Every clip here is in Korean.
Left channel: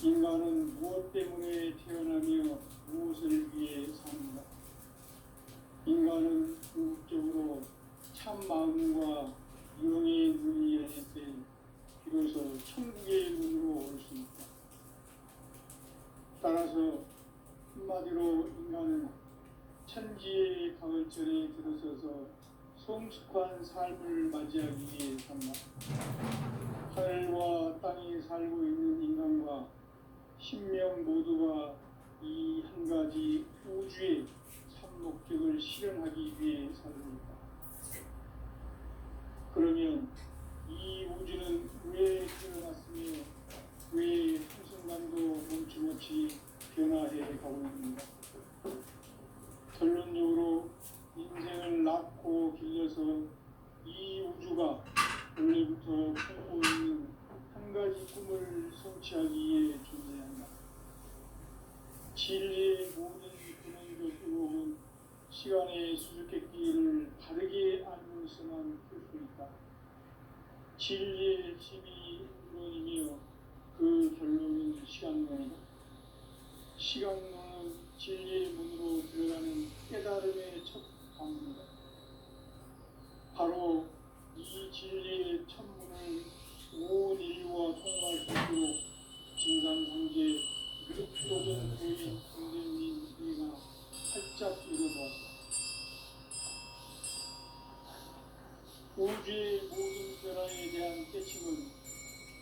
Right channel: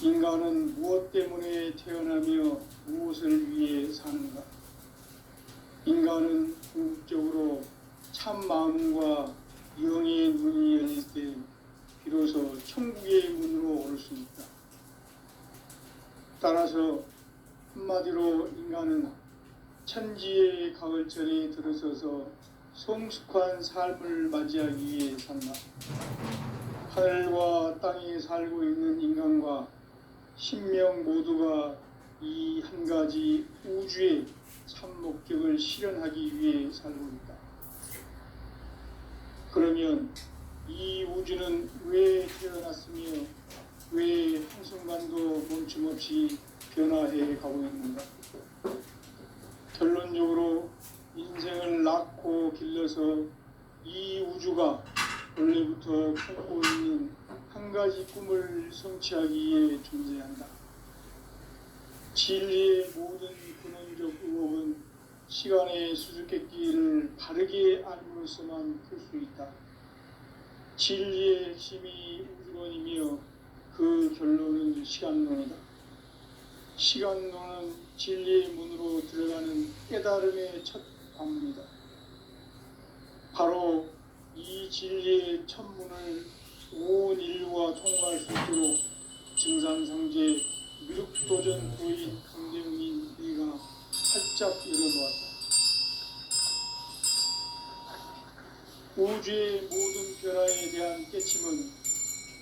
인간은 무엇 때문에 태어나며 무엇을 위해 사는가? 인간은 궁극적으로 참 마음과 영의 문이 열릴 때 비로소 천국의 문으로 올 수 있다. 따라서 한마디로 인간은 천지의 가을철에 들어서서 성숙한 삶을 맞이하기 위해 산다. 하늘과 땅에 살고 있는 인간과 신명 모두가 이 한 가지 우주의 참 목적을 실현하기 위해 살고 있다. 그러면 이 우주는 왜 태어났으며 왜 한순간도 멈춤없이 변화해 가고 있는가? 결론적으로 인생을 낳고 길러서 이 우주가 원래부터 갖고 있는 한 가지 꿈을 성취하기 위해 존재한다. 진리의 모든 근원적 의혹은 시간의 수수께끼를 바르게 알고서만 풀 수 있다. 진리의 핵심이 우주론이며 그 결론은 시간론이다. 시간론은 진리의 문으로 들어가는 깨달음의 첫 관문이다. 바로 이 진리의 첫 문을 온 인류가 통과할 수 있도록 증산상제 미륵도전 부인 강대웅인 우리가 활짝 열어놓았다. 우주의 모든 변화에 대한 깨침은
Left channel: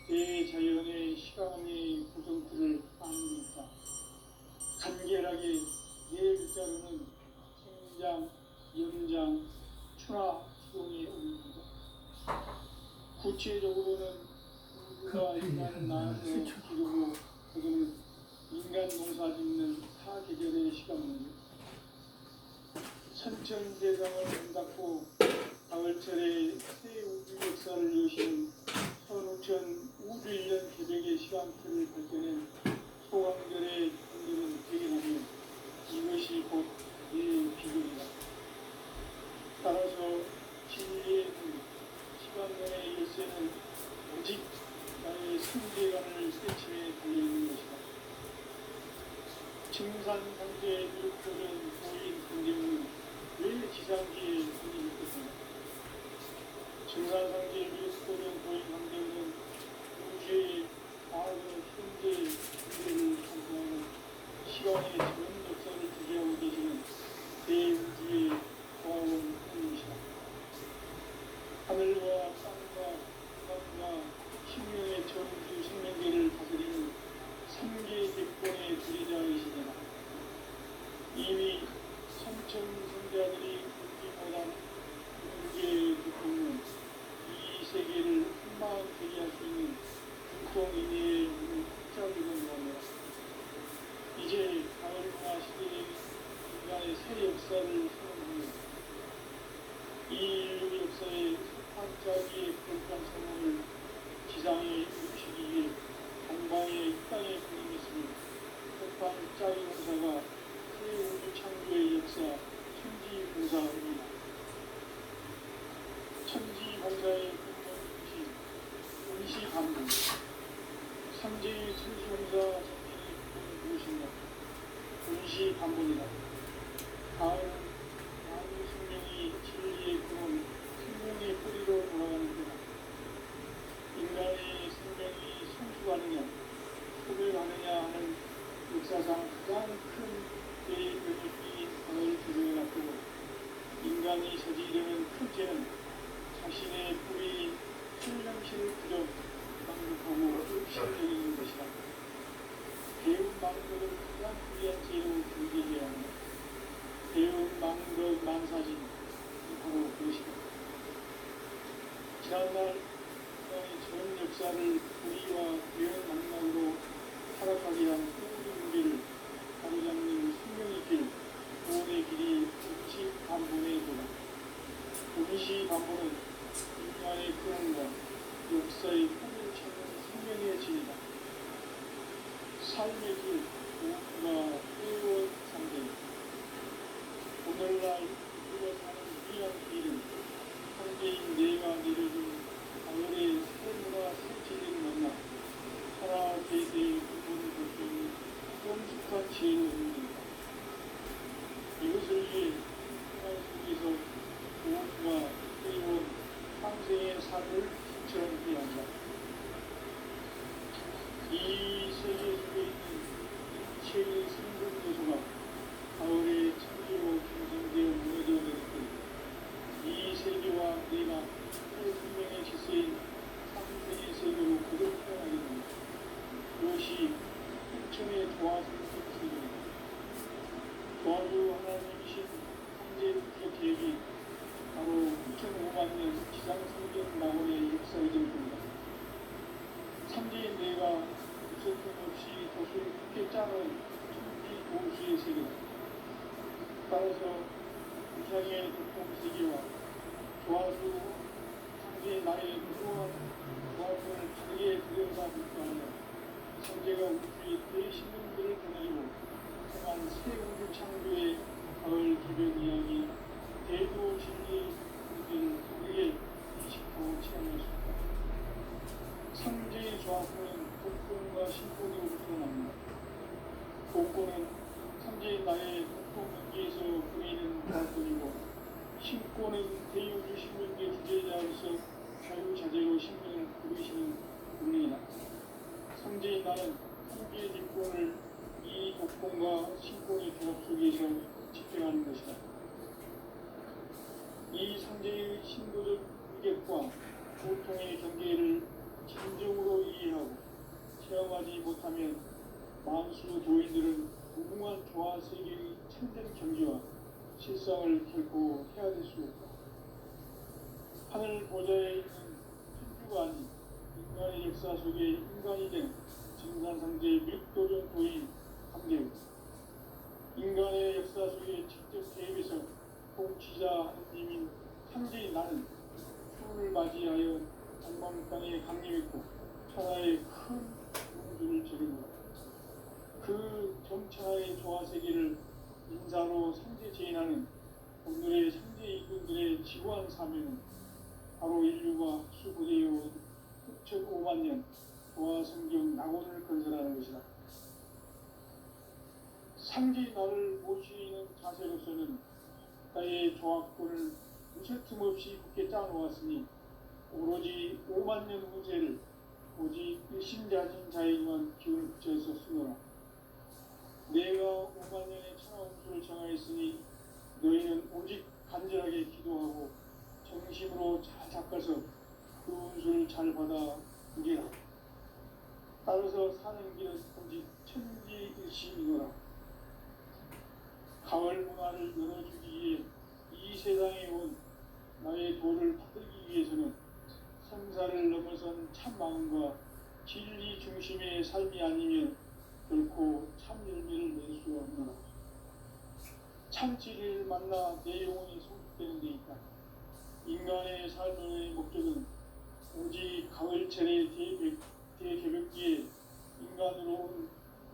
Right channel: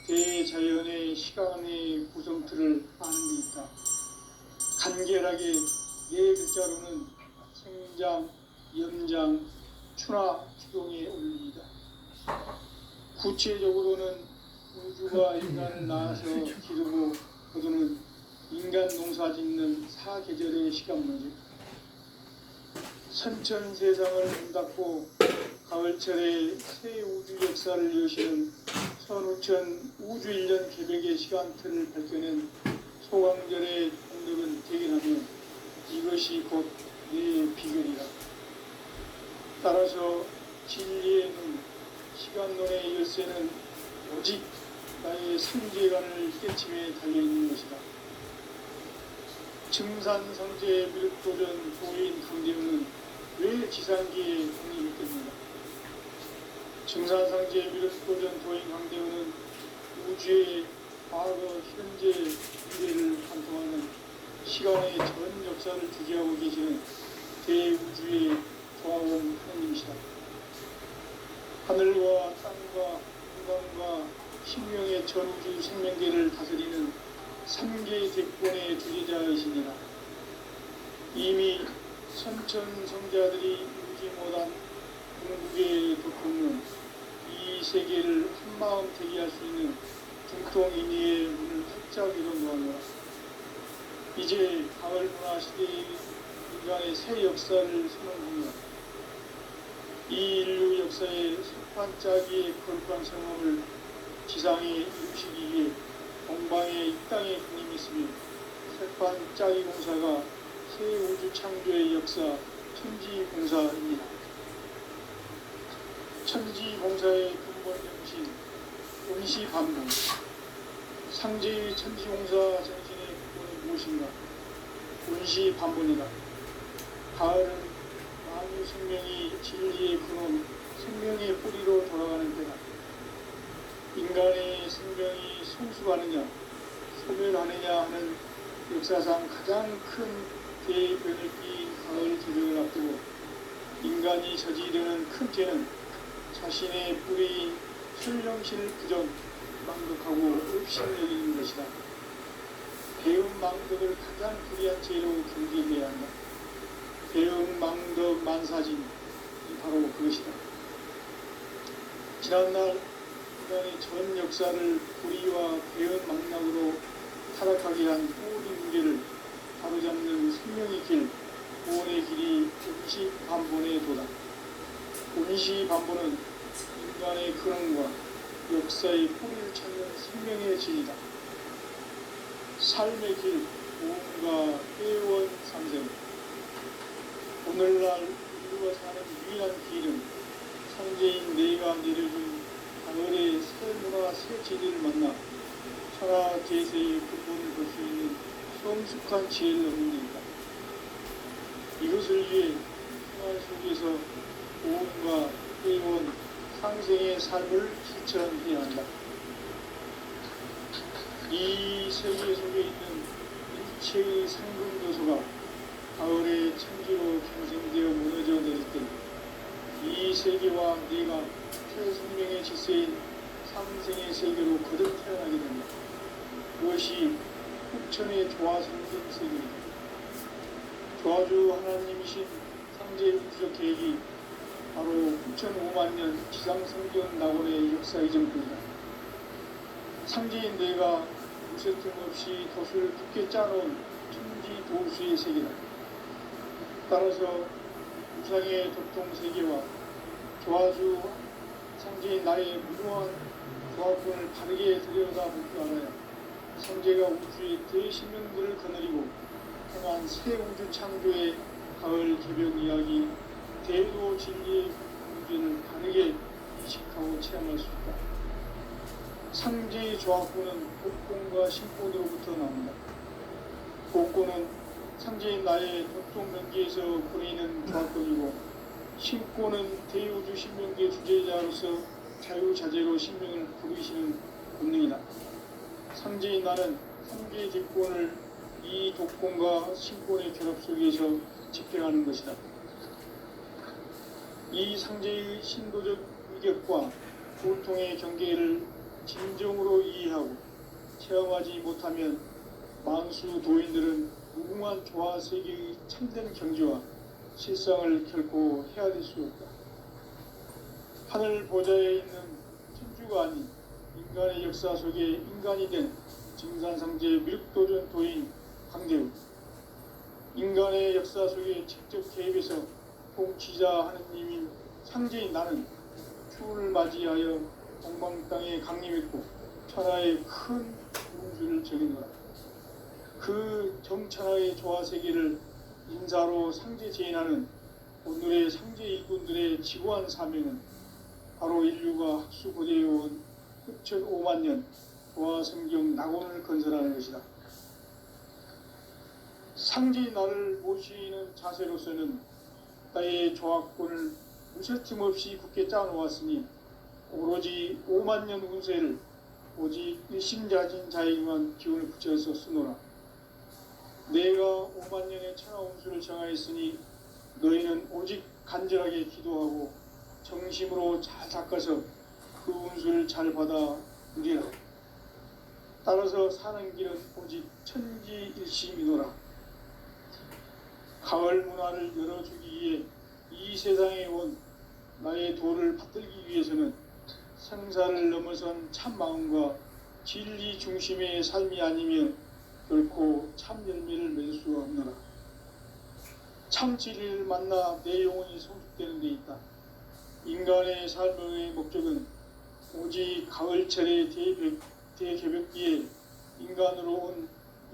대자연의 시간의 구성틀을 아는 데 있다. 간결하게 예 글자로는 생장, 연장, 추나 추동에 올립니다. 구체적으로는 우주가 인간을 낳아서 기르고 거두는 인간 농사 짓는 사계절의 시간문제, 선천세상을 문닫고 가을철에 새 우주 역사를 여시는 선우천 우주일년 개백의 시간틀을 밝혀낸 소강절의 언덕은 대견하며 이것이 곧 내 비결이다. 따라서 진리의 문, 시간론의 열쇠는 오직 나의 상제관을 깨침에 달려있는 것이다. 증산상제의 미륵도전 고인 강대웅은 왜 지상기에 독립했는가? 증산상제의 미륵도전 고인 강대웅은 우주의 과거, 현재, 미래를 관통하는 시간의 전 역사를 주재하고 계시는 대우주의 종합원 하나님이시다. 하늘과 땅과 인간과 신명의 전우주 생명계를 다스리는 3개 대권의 주제자이시니라. 이미 선천성자들이 울지 못한 궁극의 독극문, 이 세계를 한마음 대기할 수 있는 중통인의의 문을 활짝 열어놓았노라. 이제 가을 문화 시대의 인간의 새 역사를 선언합니다. 이 인류 역사의 첫 반짝이의 거룩한 성함을 지상에 이루시기 위해 동방의 이 땅에 군림했으며 첫 반짝이 공사가 새 우주 창조의 역사 천지봉사입니다. 천지봉사의 근본 정신 원시반복, 상제의 천지봉사 정신의 근본이 무엇인가? 원시반복이다. 가을은 만유 생명이 진리의 근원, 생명의 뿌리로 돌아가는 때다. 인간의 생명이 성숙하느냐, 소멸하느냐 하는 역사상 가장 큰 대변을 띈 가을 계절을 앞두고 인간이 저지르는 큰 죄는 자신의 뿌리인 신령실 그저 망독하고 읍신여기는 것이다. 배운 망덕을 가장 불리한 죄로 경계해야 한다. 배운 망덕 만사진, 바로 그것이다. 지난날 인간의 전 역사를 불의와 배은 망락으로 타락하게 한 모든 문제를 바로잡는 생명의 길, 구원의 길이 원시반본에 도다. 원시반본은 인간의 근원과 역사의 뿌리를 찾는 생명의 진이다. 삶의 길, 무언가 회원 상생. 오늘날 우리가 사는 유일한 길은 천재인 내가 내려준 가을의 새 문화 새 진리를 만나 천하 제세의 근본을 볼 수 있는 성숙한 지혜를 얻는 일이다. 이것을 위해 생활 속에서 오온과 회원, 상생의 삶을 실천해야 한다. 이 세계 속에 있는 일체의 상분 요소가 가을에 천지로 형성되어 무너져 내릴 때 이 세계와 내가 새생명의 질서인 상생의 세계로 거듭 태어나게 됩니다. 그것이 흑천의 조화성분 세계입니다. 조화주 하나님이신 상제의 부적 계획이 바로 9,500만 년 지상성전 낙원의 역사 이전입니다. 상제인 내가 무쇠 틈 없이 돛을 깊게 짜놓은 천지 도수의 세계다. 따라서 우상의 도통 세계와 조화주 상제의 나의 무모한 조합분을 다르게 들여다볼 줄 알아야 상제가 우주의 대신문들을 거느리고 행한 새 우주 창조의 가을 개변 이야기 대도 진리의 문제를 다르게 인식하고 체험할 수 있다. 상제의 조합분은 복권과 신고로부터 나옵니다. 복권은 상제인 나의 독종 면기에서 보이는 조합권이고 신고는 대우주 신명계 주제자로서 자유자재로 신명을 부르시는 본능이다. 상제인 나는 상계 직권을 이 독권과 신권의 결합 속에서 집행하는 것이다. 이 상제의 신도적 의격과 고통의 경계를 진정으로 이해하고 체험하지 못하면 만수 도인들은 무궁한 조화 세계의 참된 경지와 실상을 결코 헤아릴 수 없다. 하늘 보좌에 있는 천주가 아닌 인간의 역사 속에 인간이 된 증산상제 밀도전 도인 강대우, 인간의 역사 속에 직접 개입해서 통치자 하느님인 상제인 나는 추운을 맞이하여 엉망땅에 강림했고 천하의 큰 운수를 적인노라. 그 정천하의 조화세계를 인사로 상제 제인하는 오늘의 상제 일꾼들의 지고한 사명은 바로 인류가 학수고대해온 6,500만 년 조화성경 낙원을 건설하는 것이다. 상제인 나를 모시는 자세로서는 나의 조합권을 무쇠틈 없이 굳게 짜놓았으니 오로지 5만 년 운세를 오직 일심자진 자에게만 기운을 붙여서 쓰노라. 내가 5만 년의 천하 운수를 정하였으니 너희는 오직 간절하게 기도하고 정심으로 잘 닦아서 그 운수를 잘 받아 누리라. 따라서 사는 길은 오직 천지일심이노라. 가을 문화를 열어주기 위해 이 세상에 온 나의 도를 받들기 위해서는 생사를 넘어선 참 마음과 진리 중심의 삶이 아니면 결코 참 열매를 맺을 수가 없노라. 참 진리를 만나 내 영혼이 성숙되는 데 있다. 인간의 삶의 목적은 오직 가을철의 대개벽기에 인간으로 온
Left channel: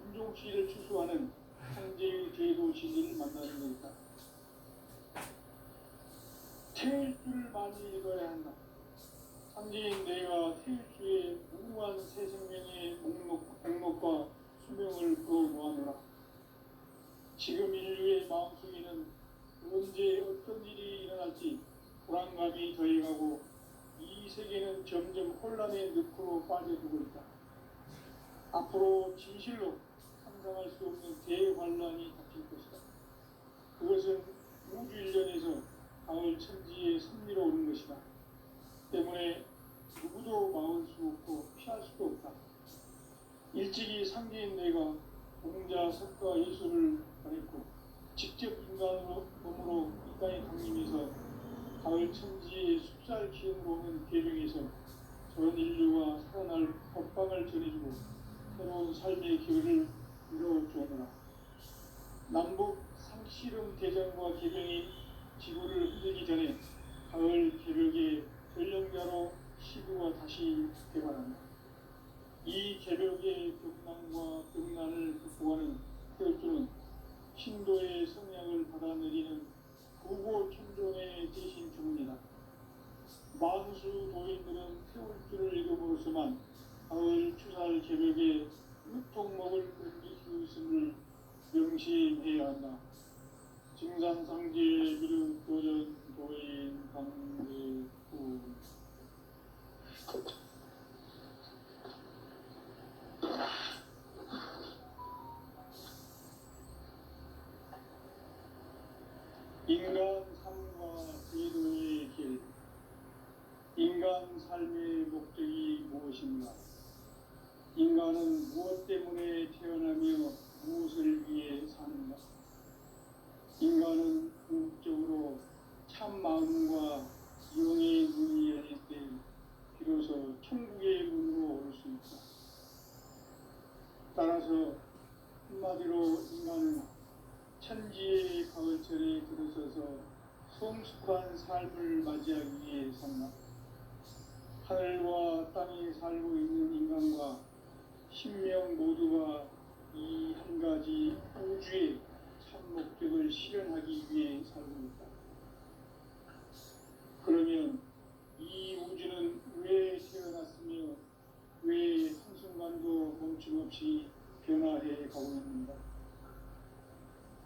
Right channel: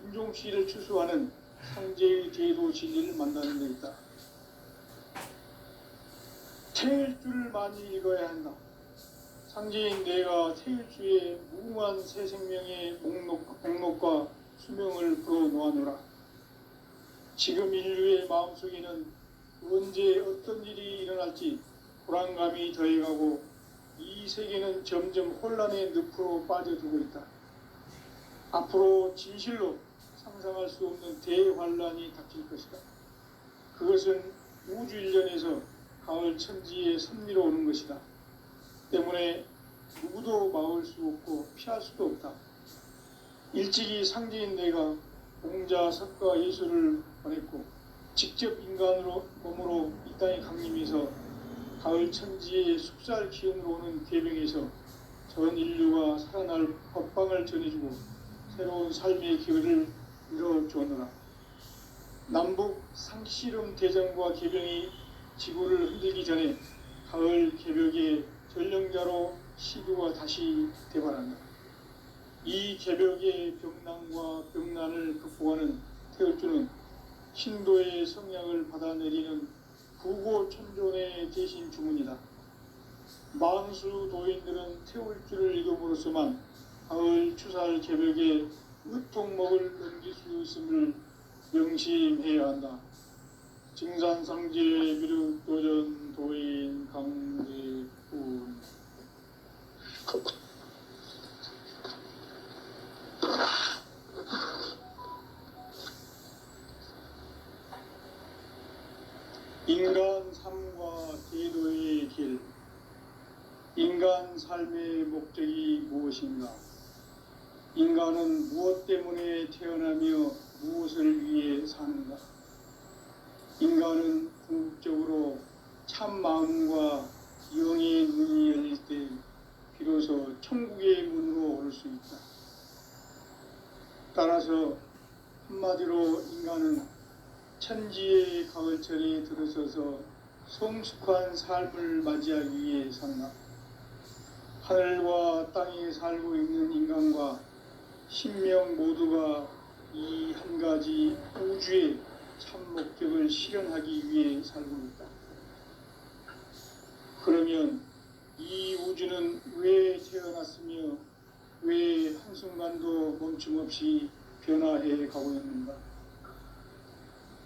인종시를 추수하는 상제의 제도 진리를 만나는 데 있다. 태일주를 많이 읽어야 한다. 상제인 내가 태일주의 무궁한 새 생명의 목록과 수명을 풀어놓아노라. 지금 인류의 마음속에는 언제 어떤 일이 일어날지 불안감이 더해가고 이 세계는 점점 혼란의 늪으로 빠져들고 있다. 앞으로 진실로 상상할 수 없는 대환란이 닥칠 것이다. 그것은 우주 일련에서 가을 천지의 섭리로 오는 것이다. 때문에 누구도 막을 수 없고 피할 수도 없다. 일찍이 상제인 내가 공자, 석가, 예수를 보냈고 직접 인간으로 몸으로 이 땅에 강림해서 가을 천지의 숲살 기운으로 오는 계명에서 전 인류가 살아날 법방을 전해주고 새로운 삶의 기회를 이뤄주었노라. 남북 상씨름 대전과 개병이 지구를 흔들기 전에 가을 개벽의 전령자로 시구가 다시 대발한다. 이 개벽의 병난과 병난을 극복하는 태울주는 신도의 성향을 받아내리는 구고천존의 대신 주문이다. 만수 도인들은 태울주를 읽음으로써만 가을 추살 개벽에 으통목을 넘길 수 있음을 명심해야 한다. 증산상제 미륵도전 도인 강대훈. 인간 삶과 대도의 길. 인간 삶의 목적이 무엇인가? 인간은 무엇 때문에 태어나며 무엇을 위해 사는가? 인간은 궁극적으로 참 마음과 영의 눈이 열릴 때 비로소 천국의 문으로 올 수 있다. 따라서 한마디로 인간은 천지의 가을철에 들어서서 성숙한 삶을 맞이하기 위해 산다. 하늘과 땅에 살고 있는 인간과 신명 모두가 이 한 가지 우주의 참 목적을 실현하기 위해 살고 있다. 그러면 이 우주는 왜 태어났으며 왜 한순간도 멈춤없이 변화해 가고 있는가?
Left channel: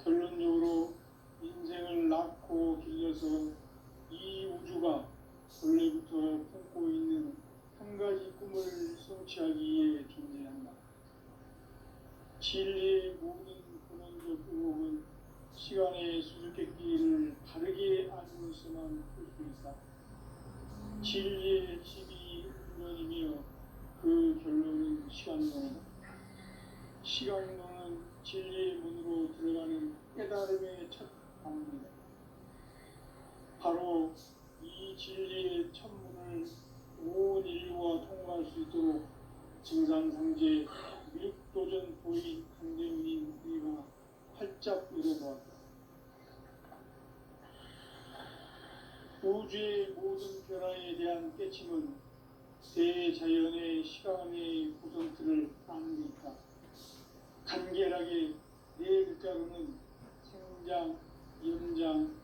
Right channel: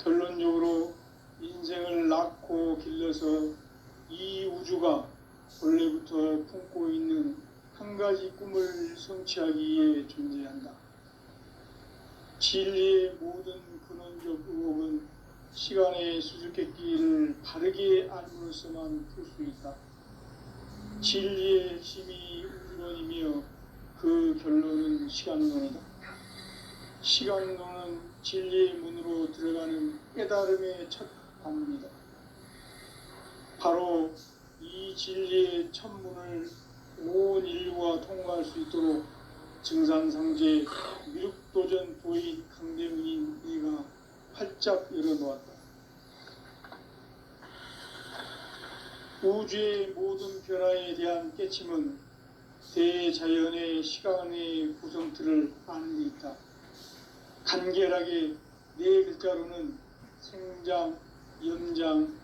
결론적으로 인생을 낳고 길러서 이 우주가 원래부터 품고 있는 한 가지 꿈을 성취하기 위해 존재한다. 진리의 모든 근원적 의혹은 시간의 수수께끼를 바르게 알므로서만 풀 수 있다. 진리의 핵심이 우주론이며 그 결론은 시간론이다. 시간론은 진리의 문으로 들어가는 깨달음의 첫 관문이다. 바로 이 진리의 첫 문을 온 인류가 통과할 수 있도록 증산상제 미륵도전 도인 강대훈인 네가 활짝 열어놓았다. 우주의 모든 변화에 대한 깨침은 대자연의 시간의 구성틀을 아는 데 있다. 간결하게 네 글자로는 생장, 연장,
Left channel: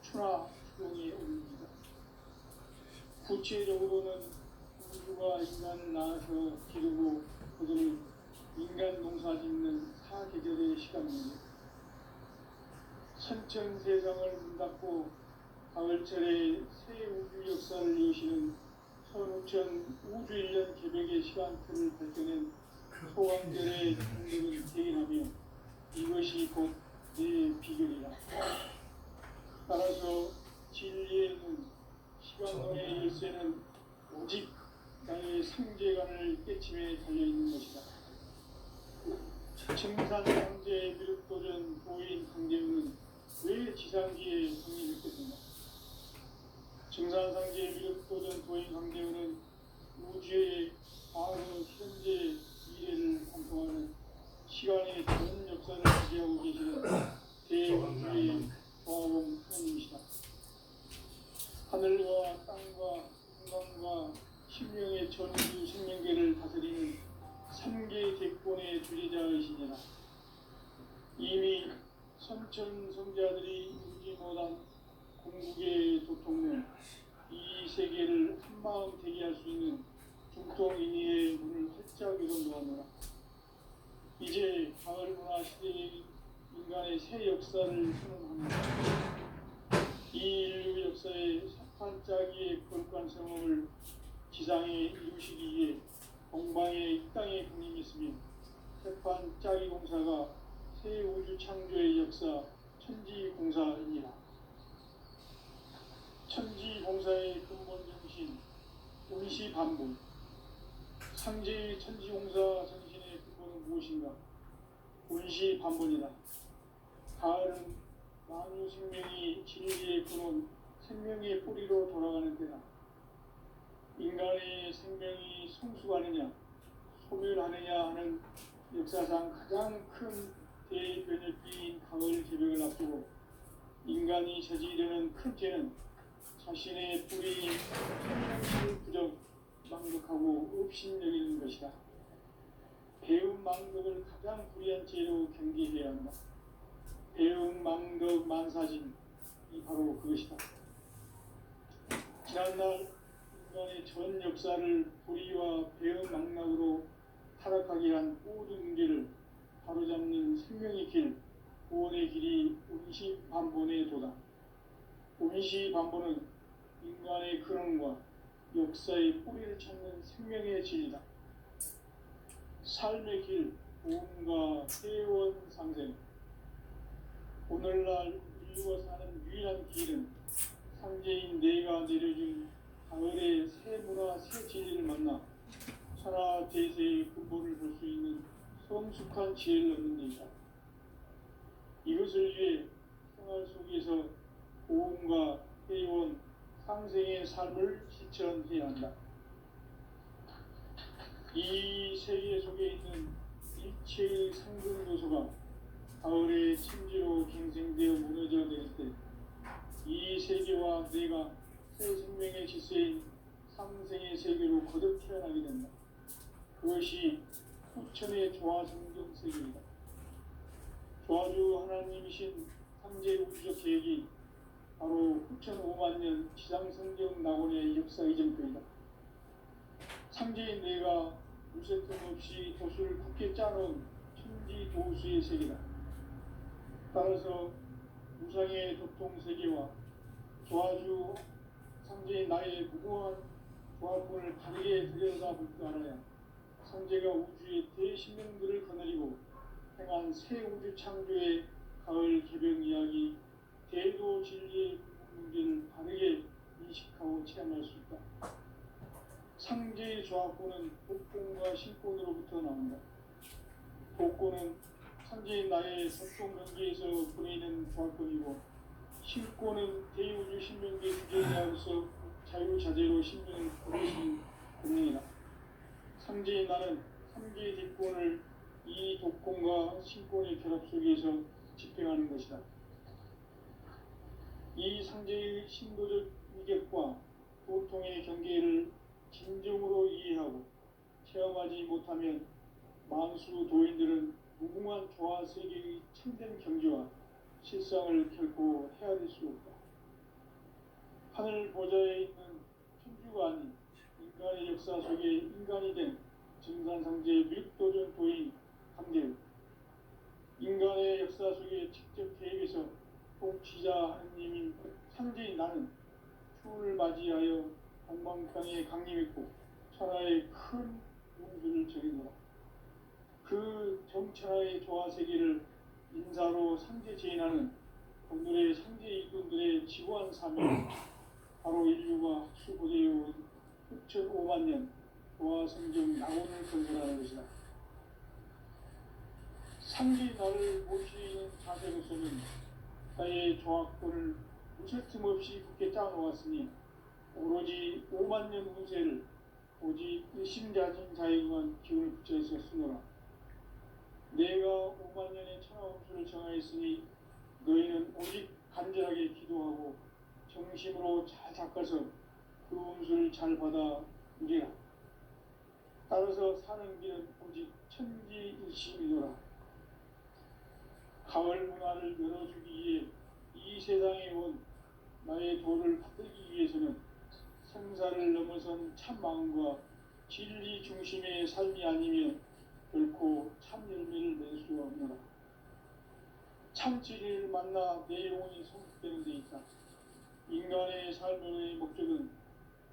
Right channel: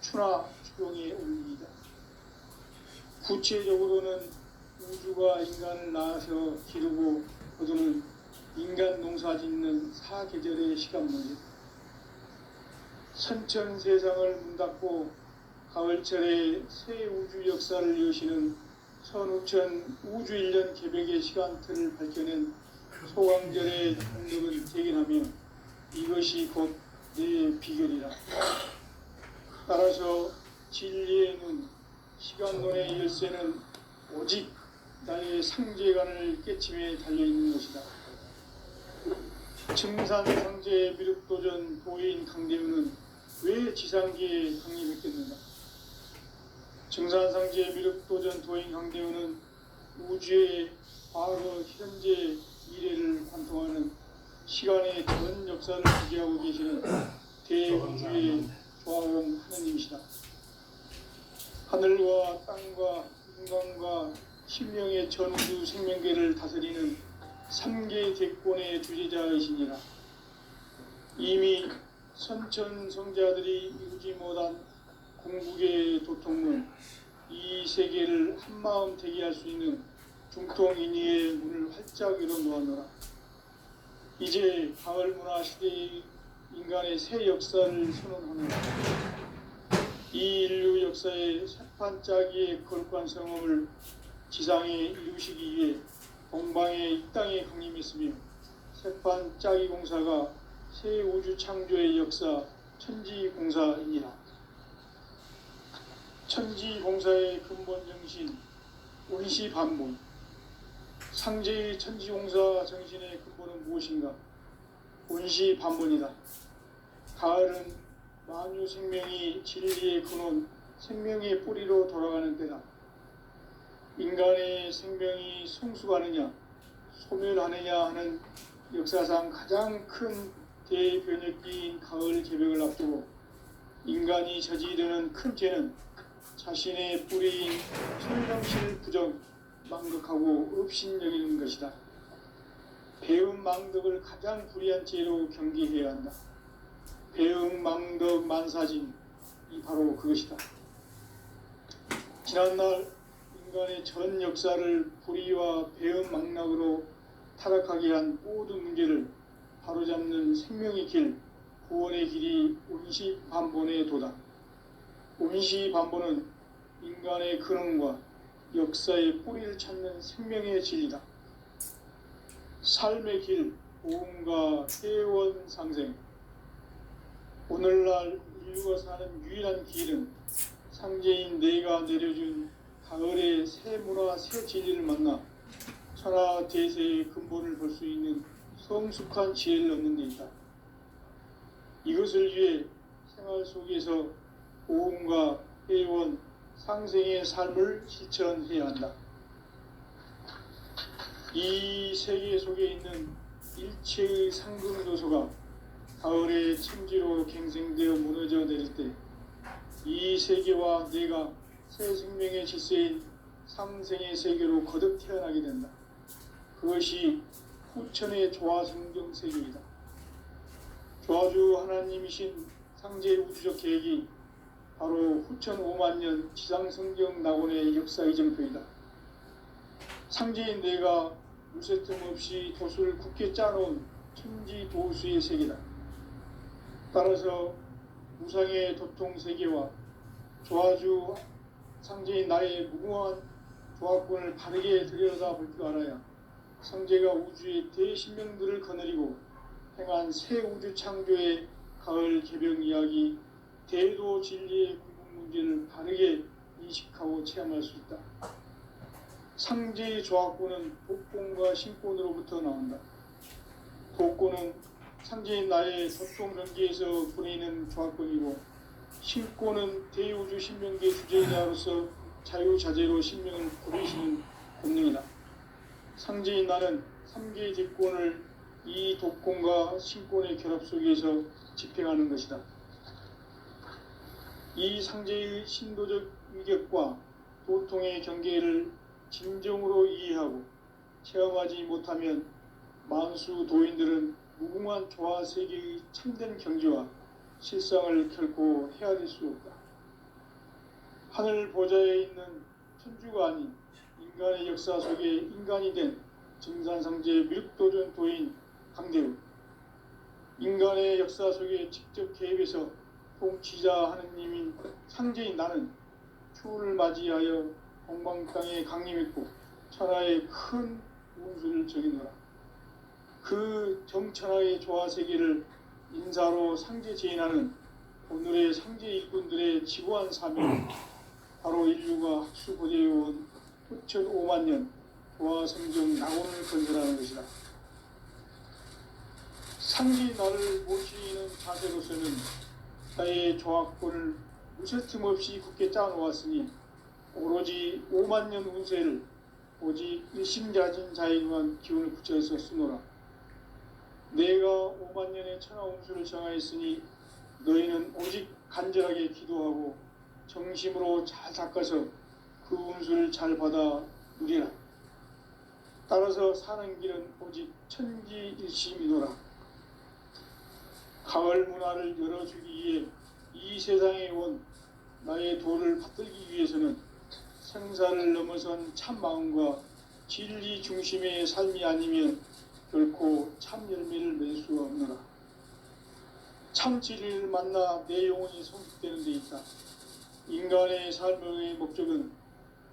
추나 추동의 원리이다. 구체적으로는 우주가 인간을 낳아서 기르고 거두는 인간 농사 짓는 사계절의 시간문이다. 선천세상을 문닫고 가을철에 새 우주 역사를 여시는 선우천 우주일년 개벽의 시간틀을 밝혀낸 소강절의 능력은 대견하며 이것이 곧 내 비결이라. 따라서 진리의 눈, 시간론의 열쇠는 오직 나의 상제관을 깨침에 달려있는 것이다. 증산상제 미륵도전 도인 강대훈은 왜 지상기에 강림했겠는가? 증산상제 미륵도전 도인 강대훈은 우주의 과거, 현재, 미래를 관통하는 시간의 전 역사를 지지하고 계시는 대우주의 조화원 하느님이시다. 하늘과 땅과 인간과 신명의 전우주 생명계를 다스리는 3개 대권의 주제자이시니라. 이미 선천성자들이 이루지 못한 궁극의 도통문, 이 세계를 한마음 되게 할 수 있는 중통인의의 문을 활짝 열어놓아노라. 이제 가을 문화 시대의 인간의 새 역사를 선언하노라. 이 인류 역사의 새판짜기의 거룩한 성험을 지상에 이루시기 위해 동방의 이 땅에 강림했으며 새판짜기 공사가 새 우주 창조의 역사 천지공사이니라. 천지공사의 근본 정신 운시반본. 상제의 천지공사 정신의 근본은 무엇인가? 운시반본이다. 가을은 만유 생명이 진리의 근원, 생명의 뿌리로 돌아가는 때다. 인간의 생명이 성숙하느냐, 소멸하느냐 하는 역사상 가장 큰 대변혁기인 가을 개벽을 앞두고 인간이 저지르는 큰 죄는 자신의 뿌리인 천명실 부정, 망덕하고 업신여기는 것이다. 배음 망덕을 가장 불의한 죄로 경계해야 한다. 배음 망덕 만사진, 이 바로 그것이다. 지난날 인간의 전 역사를 불의와 배은망락으로 타락하게 한 모든 문제를 바로잡는 생명의 길, 구원의 길이 운시반본에 도다. 운시반본은 인간의 근원과 역사의 뿌리를 찾는 생명의 진리다. 삶의 길, 보험과 회원 상생. 오늘날 인류가 사는 유일한 길은 상제인 내가 내려준 가을의 새 문화 새 진리를 만나 천하 대세의 근본을 볼 수 있는 성숙한 지혜를 얻는 데 있다. 이것을 위해 생활 속에서 보험과 회원, 상생의 삶을 실천해야 한다. 이 세계 속에 있는 일체의 상승도소가 가을의 천지로 갱생되어 무너져 내릴 때 이 세계와 내가 새 생명의 질서인 상생의 세계로 거듭 태어나게 된다. 그것이 후천의 조화성경 세계이다. 조화주 하나님이신 상제의 우주적 계획이 바로 후천 5만년 지상성경 낙원의 역사의 정표이다. 상제인 내가 무쇠 틈 없이 도수를 굳게 짜놓은 천지 도수의 세계다. 따라서 무상의 도통세계와 조화주 상제인 나의 무궁한 조합권을 바르게 들여다볼 줄 알아야 상제가 우주의 대신명들을 거느리고 행한 새 우주 창조의 가을 개병 이야기, 대도 진리의 궁극 문제를 바르게 인식하고 체험할 수 있다. 상제의 조합권은 복권과 신권으로부터 나온다. 복권은 상제인 나의 소통 경계에서 보내는 조합권이고, 신권은 대우주 신명계 주제자로서 자유자재로 신명을 부르시는 권능이다. 상제인 나는 3개의 뒷권을 이 독권과 신권의 결합 속에서 집행하는 것이다. 이 상제의 신도적 위격과 도통의 경계를 진정으로 이해하고 체험하지 못하면 만수 도인들은 무궁한 조화 세계의 참된 경지와 실상을 결코 헤아릴 수 없다. 하늘 보좌에 있는 천주가 아닌 인간의 역사 속에 인간이 된 증산상제 밀도전 도인 강대우, 인간의 역사 속에 직접 개입해서 통치자 하느님인 상제인 나는 추운을 맞이하여 공방 땅에 강림했고 천하의 큰 운수를 적이노라. 그 정천하의 조화세계를 인사로 상제 제인하는 오늘의 상제 일꾼들의 지고한 사명, 바로 인류가 학수고대해온 후천 5만년 조화성경 낙원을 건설하는 것이다. 상제 나를 모시는 자세로서는 나의 조합권을 무쇠틈 없이 굳게 짜놓았으니 오로지 5만년 운세를 오직 일심자진 자에게만 기운을 붙여서 쓰노라. 내가 5만년의 천하 운수를 정하였으니 너희는 오직 간절하게 기도하고 정심으로 잘 닦아서 그 운수를 잘 받아 누리라. 따라서 사는 길은 오직 천지일심이노라. 가을 문화를 열어주기 위해 이 세상에 온 나의 도를 받들기 위해서는 생사를 넘어선 참마음과 진리 중심의 삶이 아니면 결코 참 열매를 맺을 수가 없노라. 참 진리를 만나 내 영혼이 성숙되는 데 있다. 인간의 삶의 목적은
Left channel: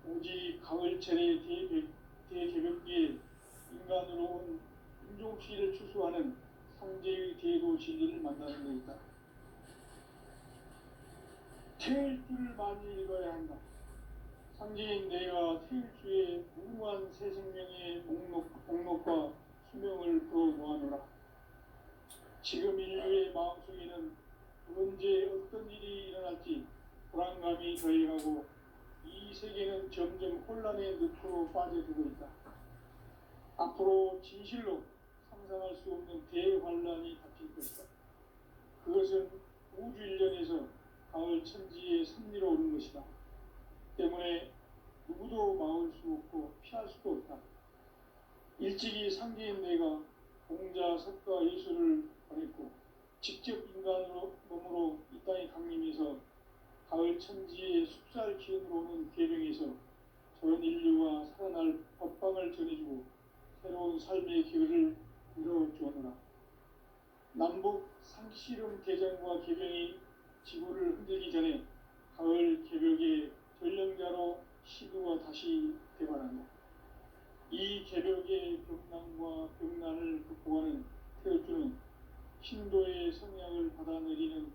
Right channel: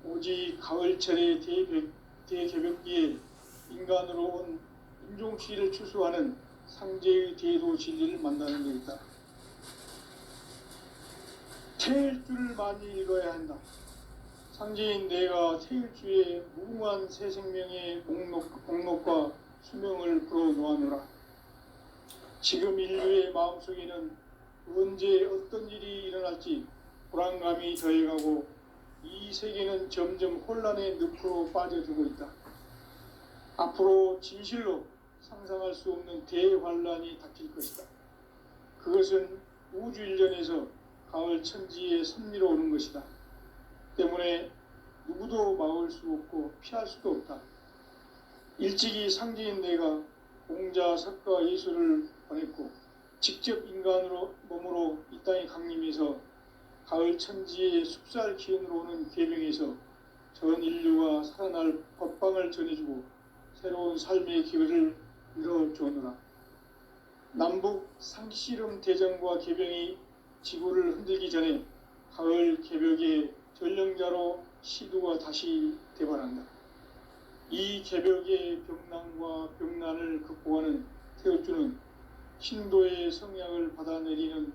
오직 가을철의 대개벽기에 인간으로 온 인종치를 추수하는 상제의 대도 진리를 만나는 데 있다. 태일주를 많이 읽어야 한다. 상제인 내가 태일주의 무궁한 새 생명의 목록과 수명을 풀어놓아노라. 지금 인류의 마음속에는 언제 어떤 일이 일어날지 불안감이 더해가고 이 세계는 점점 혼란의 늪으로 빠져들고 있다. 앞으로 진실로 상상할 수 없는 대환란이 닥칠 것이다. 그것은 우주 일련에서 가을 천지의 섭리로 오는 것이다. 때문에 누구도 막을 수 없고 피할 수도 없다. 일찍이 상제인 내가 공자, 석가, 예수를 보냈고 직접 인간으로 몸으로 이 땅에 강림해서 가을 천지의 숲살 기운으로 오는 계명에서 전 인류가 살아날 법방을 전해주고 새로운 삶의 기회를 열어주느라. 남북 상씨름 대전과 개병이 지구를 흔들기 전에 가을 개벽의 전령자로 시두가 다시 대발한다. 이 개벽의 병난과 병난을 극복하는 태우주는 신도의 성약을 받아내리는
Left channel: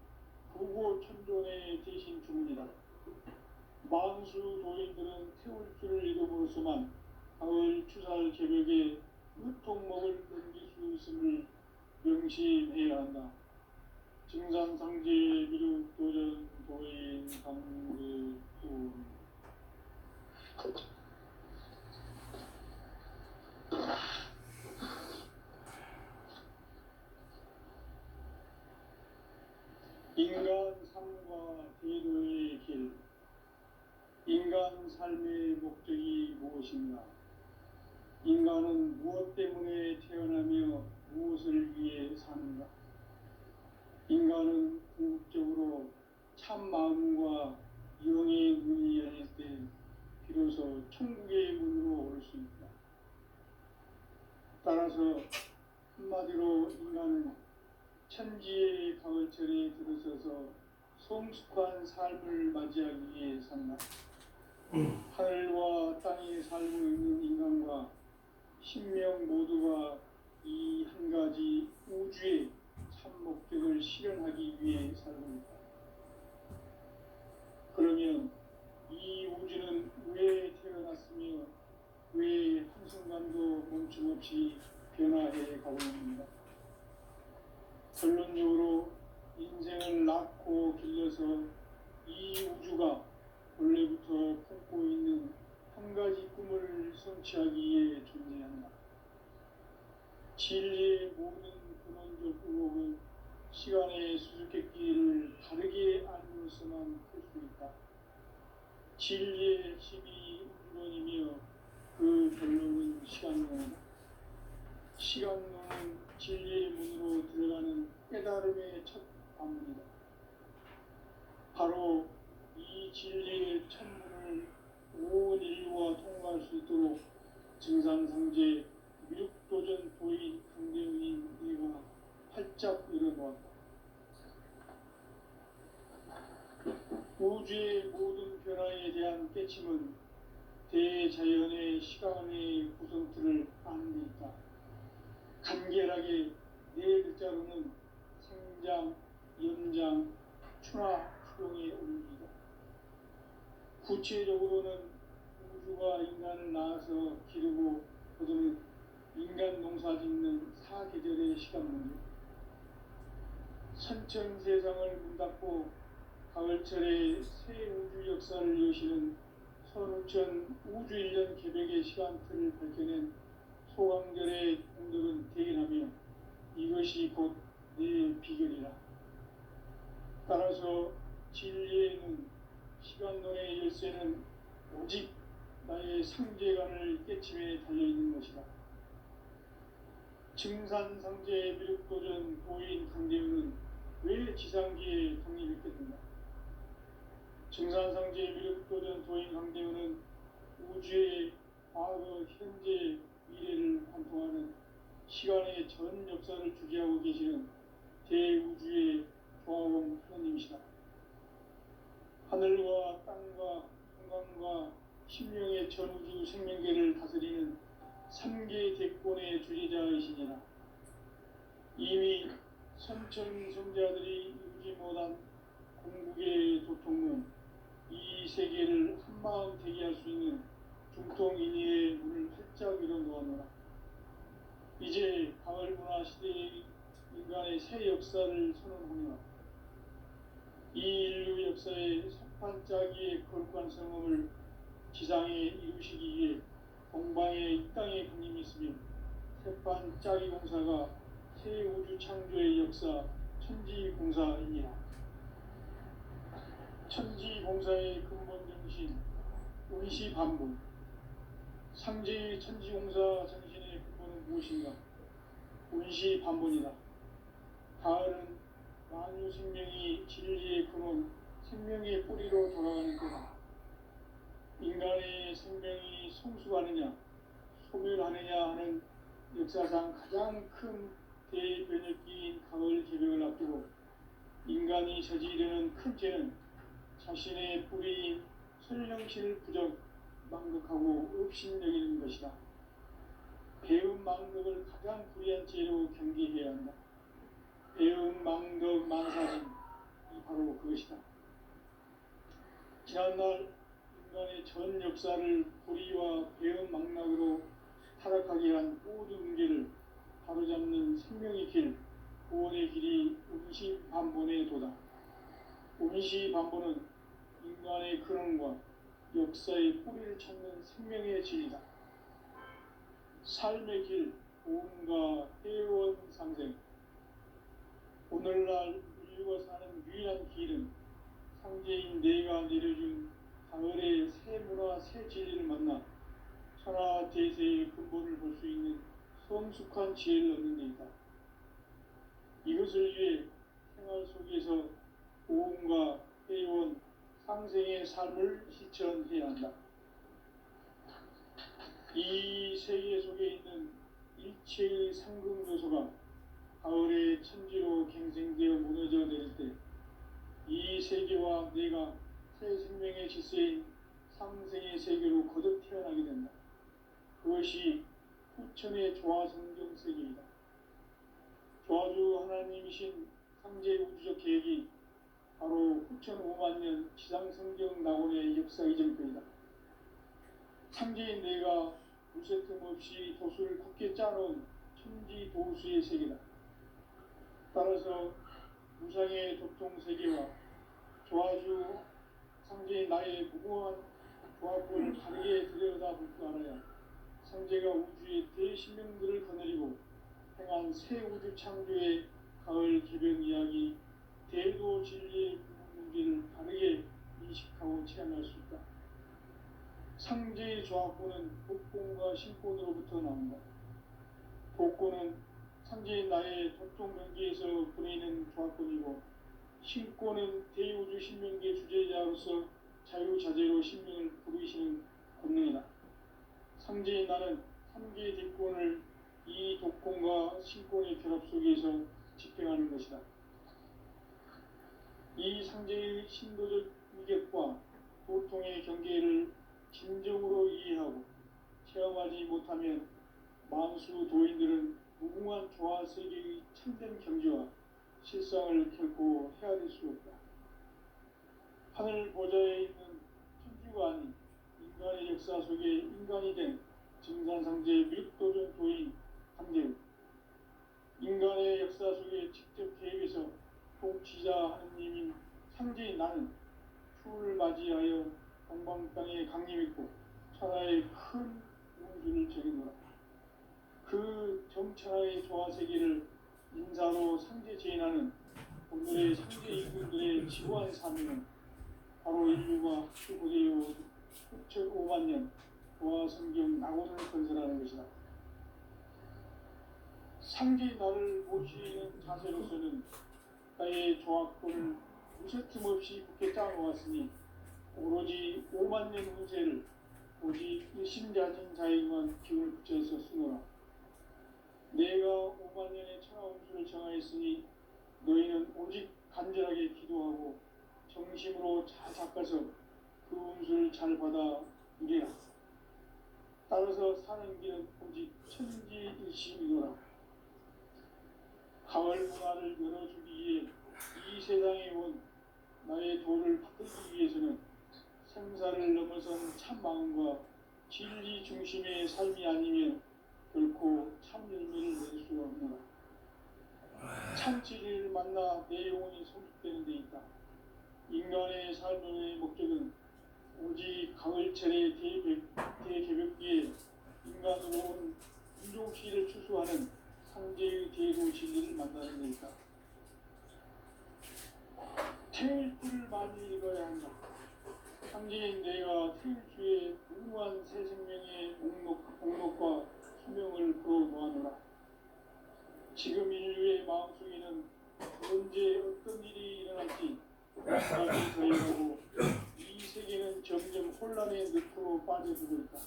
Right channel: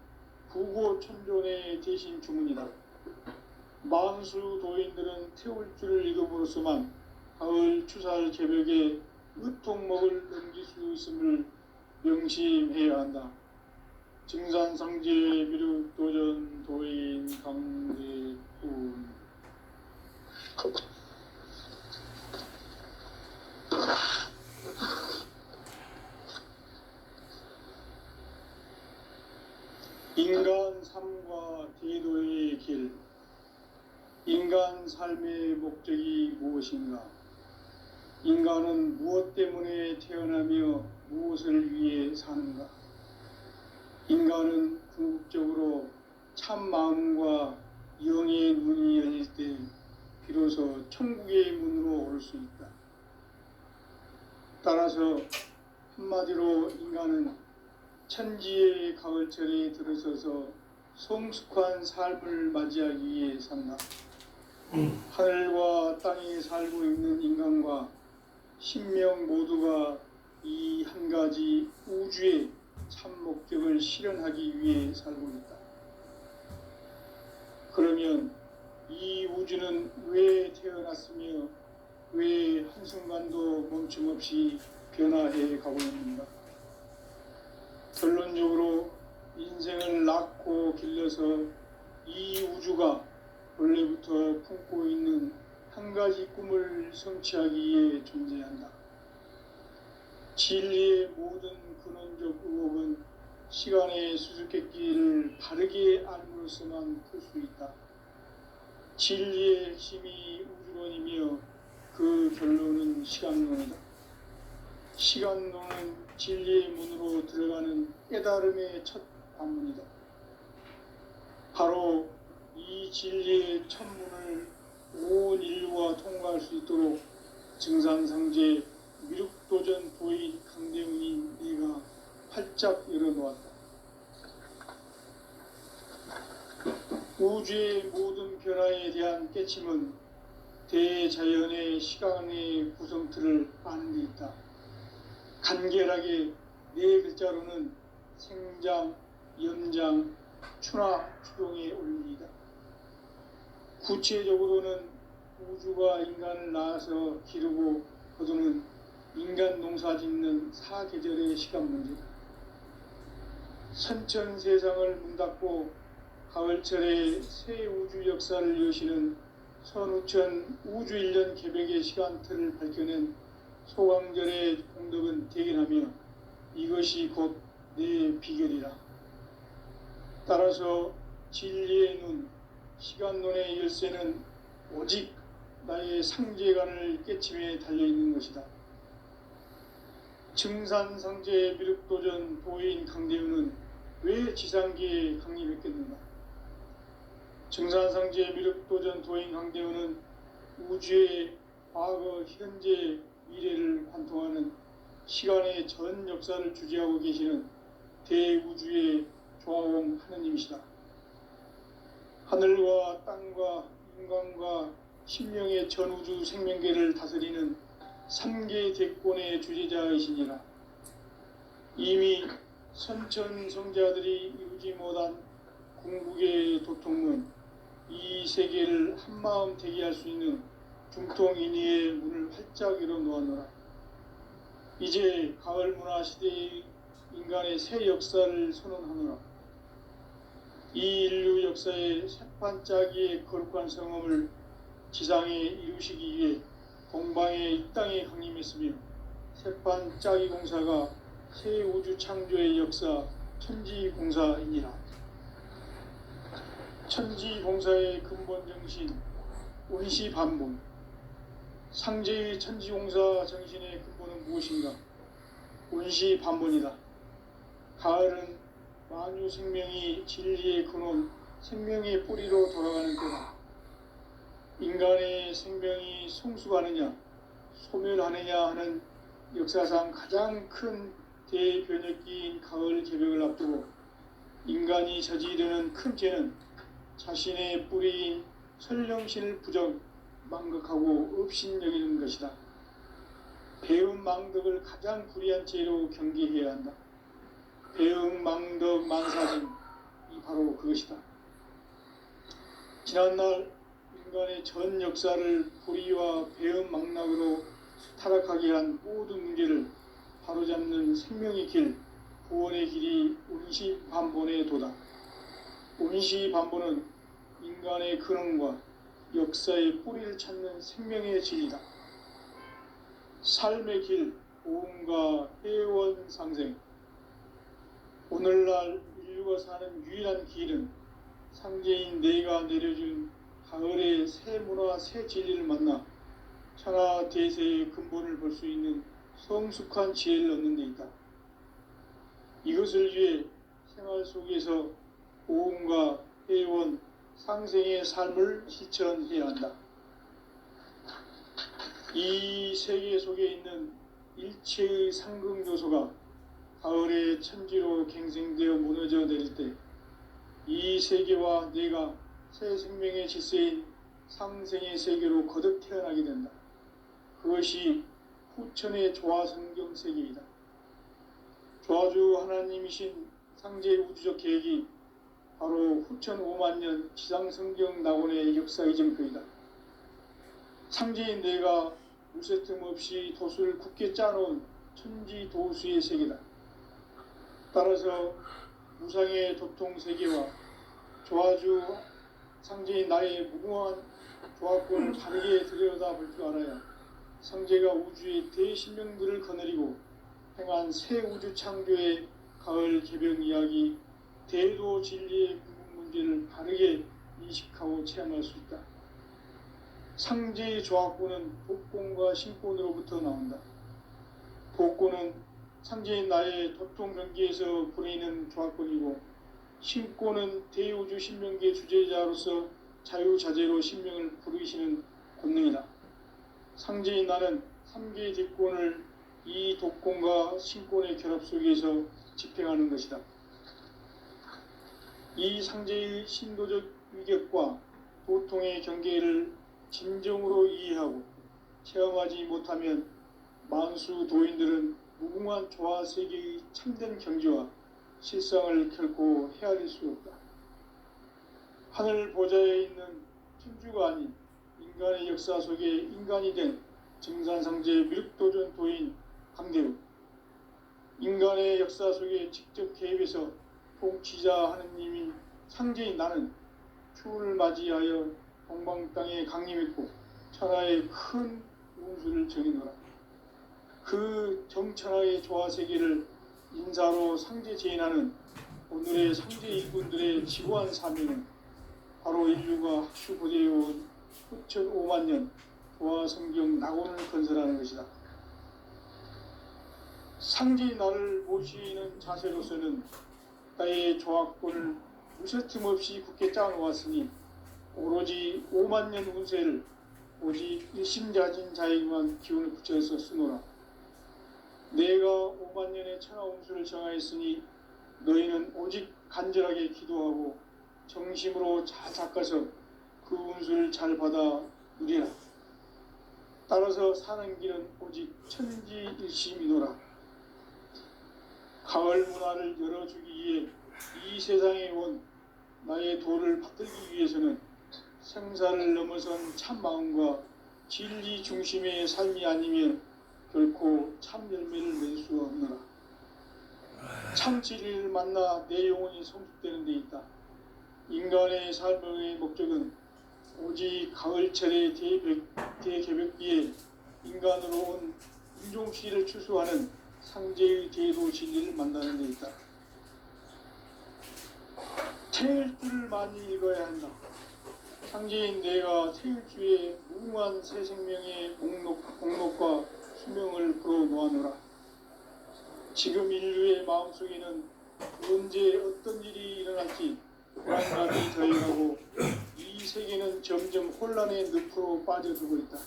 부고천존의 대신 주문이다. 만수 도인들은 태울주를 읽음으로써만 가을 추살 개벽에 으통목을 넘길 수 있음을 명심해야 한다. 증산상제 미륵도전 도인 강대훈. 인간 삶과 제도의 길. 인간 삶의 목적이 무엇인가? 인간은 무엇 때문에 태어나며 무엇을 위해 사는가? 인간은 궁극적으로 참 마음과 영의 문이 열릴 때 비로소 천국의 문으로 올 수 있다. 따라서 한마디로 인간은 천지의 가을철에 들어서서 성숙한 삶을 맞이하기 위해 산다. 하늘과 땅에 살고 있는 인간과 신명 모두가 이 한 가지 우주의 참 목적을 실현하기 위해 살고 있다. 그러면 이 우주는 왜 태어났으며 왜 한순간도 멈춤없이 변화해 가고 있는가? 결론적으로 인생을 낳고 길러서 이 우주가 원래부터 품고 있는 한 가지 꿈을 성취하기 위해 존재한다. 진리의 모든 근원적 의혹은 시간의 수수께끼를 바르게 알므로서만 풀 수 있다. 진리의 핵심이 우주론이며 그 결론은 시간론이다. 시간론은 진리의 문으로 들어가는 깨달음의 첫 관문이다. 바로 이 진리의 천문을 온 인류가 통과할 수 있도록 증산상제 미륵도전 도인 강대훈이 내가 활짝 열어놓았다. 우주의 모든 변화에 대한 깨침은 대자연의 시간의 구성틀을 아는 데 있다. 간결하게 네 글자로는 생장, 연장, 추나 추동의 원리이다. 구체적으로는 우주가 인간을 낳아서 기르고 거두는 인간 농사 짓는 사계절의 시간 문제다. 선천 세상을 문 닫고 가을철에 새 우주 역사를 여시는 선우천 우주 1년 개벽의 시간틀을 밝혀낸 소강절의 공덕은 대견하며 이것이 곧 내 비결이라. 따라서 진리의 눈, 시간론의 열쇠는 오직 나의 상제관을 깨침에 달려있는 것이다. 증산상제 미륵도전 도인 강대훈은 왜 지상기에 강림했겠는가? 증산상제 미륵도전 도인 강대훈은 우주의 과거, 현재, 미래를 관통하는 시간의 전 역사를 주재하고 계시는 대우주의 조화원 하느님이시다. 하늘과 땅과 인간과 신명의 전우주 생명계를 다스리는 3계 대권의 주재자이시니라. 이미 선천성자들이 이루지 못한 궁극의 도통문, 이 세계를 한마음 되게 할 수 있는 중통인의의 문을 활짝 열어놓았노라. 이제 가을 문화 시대의 인간의 새 역사를 선언하노라. 이 인류 역사의 새반짝이의 거룩한 성험을 지상에 이루시기 위해 동방의 이 땅에 강림했으며 새반짝이 공사가 새 우주 창조의 역사 천지공사이니라. 천지공사의 근본 정신 운시반문. 상제의 천지공사 정신의 근본은 무엇인가? 운시반문이다. 가을은 만유 생명이 진리의 근원, 생명의 뿌리로 돌아가는 때다. 인간의 생명이 성숙하느냐 소멸하느냐 하는 역사상 가장 큰 대변혁기인 가을 개벽을 앞두고 인간이 저지르는 큰 죄는 자신의 뿌리인 설령신을 부정 망각하고 업신여기는 것이다. 배움 망덕을 가장 불의한 죄로 경계해야 한다. 배움 망덕 만사증이 바로 그것이다. 지난날 인간의 전 역사를 불의와 배움 망락으로 타락하게 한 모든 문제를 바로잡는 생명의 길, 구원의 길이 운시반본의 도다. 운시반본은 인간의 근원과 역사의 뿌리를 찾는 생명의 진리다. 삶의 길, 보험과 회원 상생. 오늘날 인류가 사는 유일한 길은 상제인 내가 내려준 가을의 새 문화, 새 진리를 만나 천하 대세의 근본을 볼 수 있는 성숙한 지혜를 얻는 데 있다. 이것을 위해 생활 속에서 보험과 회원, 상생의 삶을 실천해야 한다. 이 세계 속에 있는 일체의 상극 요소가 가을의 천지로 갱생되어 무너져 내릴 때 이 세계와 내가 새 생명의 질서인 상생의 세계로 거듭 태어나게 된다. 그것이 후천의 조화성경 세계이다. 조화주 하나님이신 상제 우주적 계획이 바로 후천 5만 년 지상성경 낙원의 역사 이정표이다. 상제인 내가 무쇠 틈 없이 돛을 굳게 짜놓은 천지 도수의 세계다. 따라서 무상의 도통 세계와 조화주 상제인 나의 무궁한 조합권을 바르게 들여다볼 줄 알아야 상제가 우주의 대신명들을 거느리고 행한 새 우주 창조의 가을 개벽 이야기, 대도 진리의 구분 문제를 바르게 인식하고 체험할 수 있다. 상제의 조합권은 복권과 신권으로부터 나온다. 복권은 상제인 나의 도통명기에서 보내는 조합권이고, 신권은 대우주 신명기의 주제자로서 자유자재로 신명을 부르시는 권능이다. 상제인 나는 3개의 뒷권을 이 독권과 신권의 결합 속에서 집행하는 것이다. 이 상제의 신도적 위격과 도통의 경계를 진정으로 이해하고 체험하지 못하면 만수 도인들은 무궁한 조화 세계의 참된 경지와 실상을 결코 헤아릴 수 없다. 하늘 보좌에 있는 천주가 아닌 인간의 역사 속에 인간이 된 증산상제 밀도전 도인 강대우, 인간의 역사 속에 직접 개입해서 통치자 하느님인 상제인 나는 추운을 맞이하여 동방 땅에 강림했고 천하의 큰 운수를 정해놓으라. 그 정천하의 조화세계를 인사로 상제 제인하는 오늘의 상제 이군들의 지구한 사명은 바로 인류가 학수고대해온 후천 5만 년 조화성경 낙원을 건설하는 것이다. 상제인 나를 모시는 자세로서는 나의 조합권을 무쇠틈 없이 굳게 짜놓았으니 오로지 5만 년 운세를 오직 일심자진 자에게만 기운을 붙여서 쓰노라. 내가 5만 년의 천하 운수를 정하였으니 너희는 오직 간절하게 기도하고 정심으로 잘 닦아서 그 운수를 잘 받아 누리라. 따라서 사는 길은 오직 천지일심이노라. 가을 문화를 열어주기 위해 이 세상에 온 나의 도를 받들기 위해서는 생사를 넘어선 참 마음과 진리 중심의 삶이 아니면 결코 참 열매를 낼 수 없노라. 참 진리를 만나 내 영혼이 성숙되는 데 있다. 인간의 삶의 목적은 오직 가을철의 대개벽기에 인간으로 온 인종시를 추수하는 상제의 대도 진리를 만나는 데 있다. 태일주를 많이 읽어야 한다. 상제인 내가 태일주의 무궁한 새 생명의 목록과 수명을 풀어놓아노라. 지금 인류의 마음속에는 언제 어떤 일이 일어날지 불안감이 저해하고 이 세계는 점점 혼란의 늪으로 빠져들고 있다.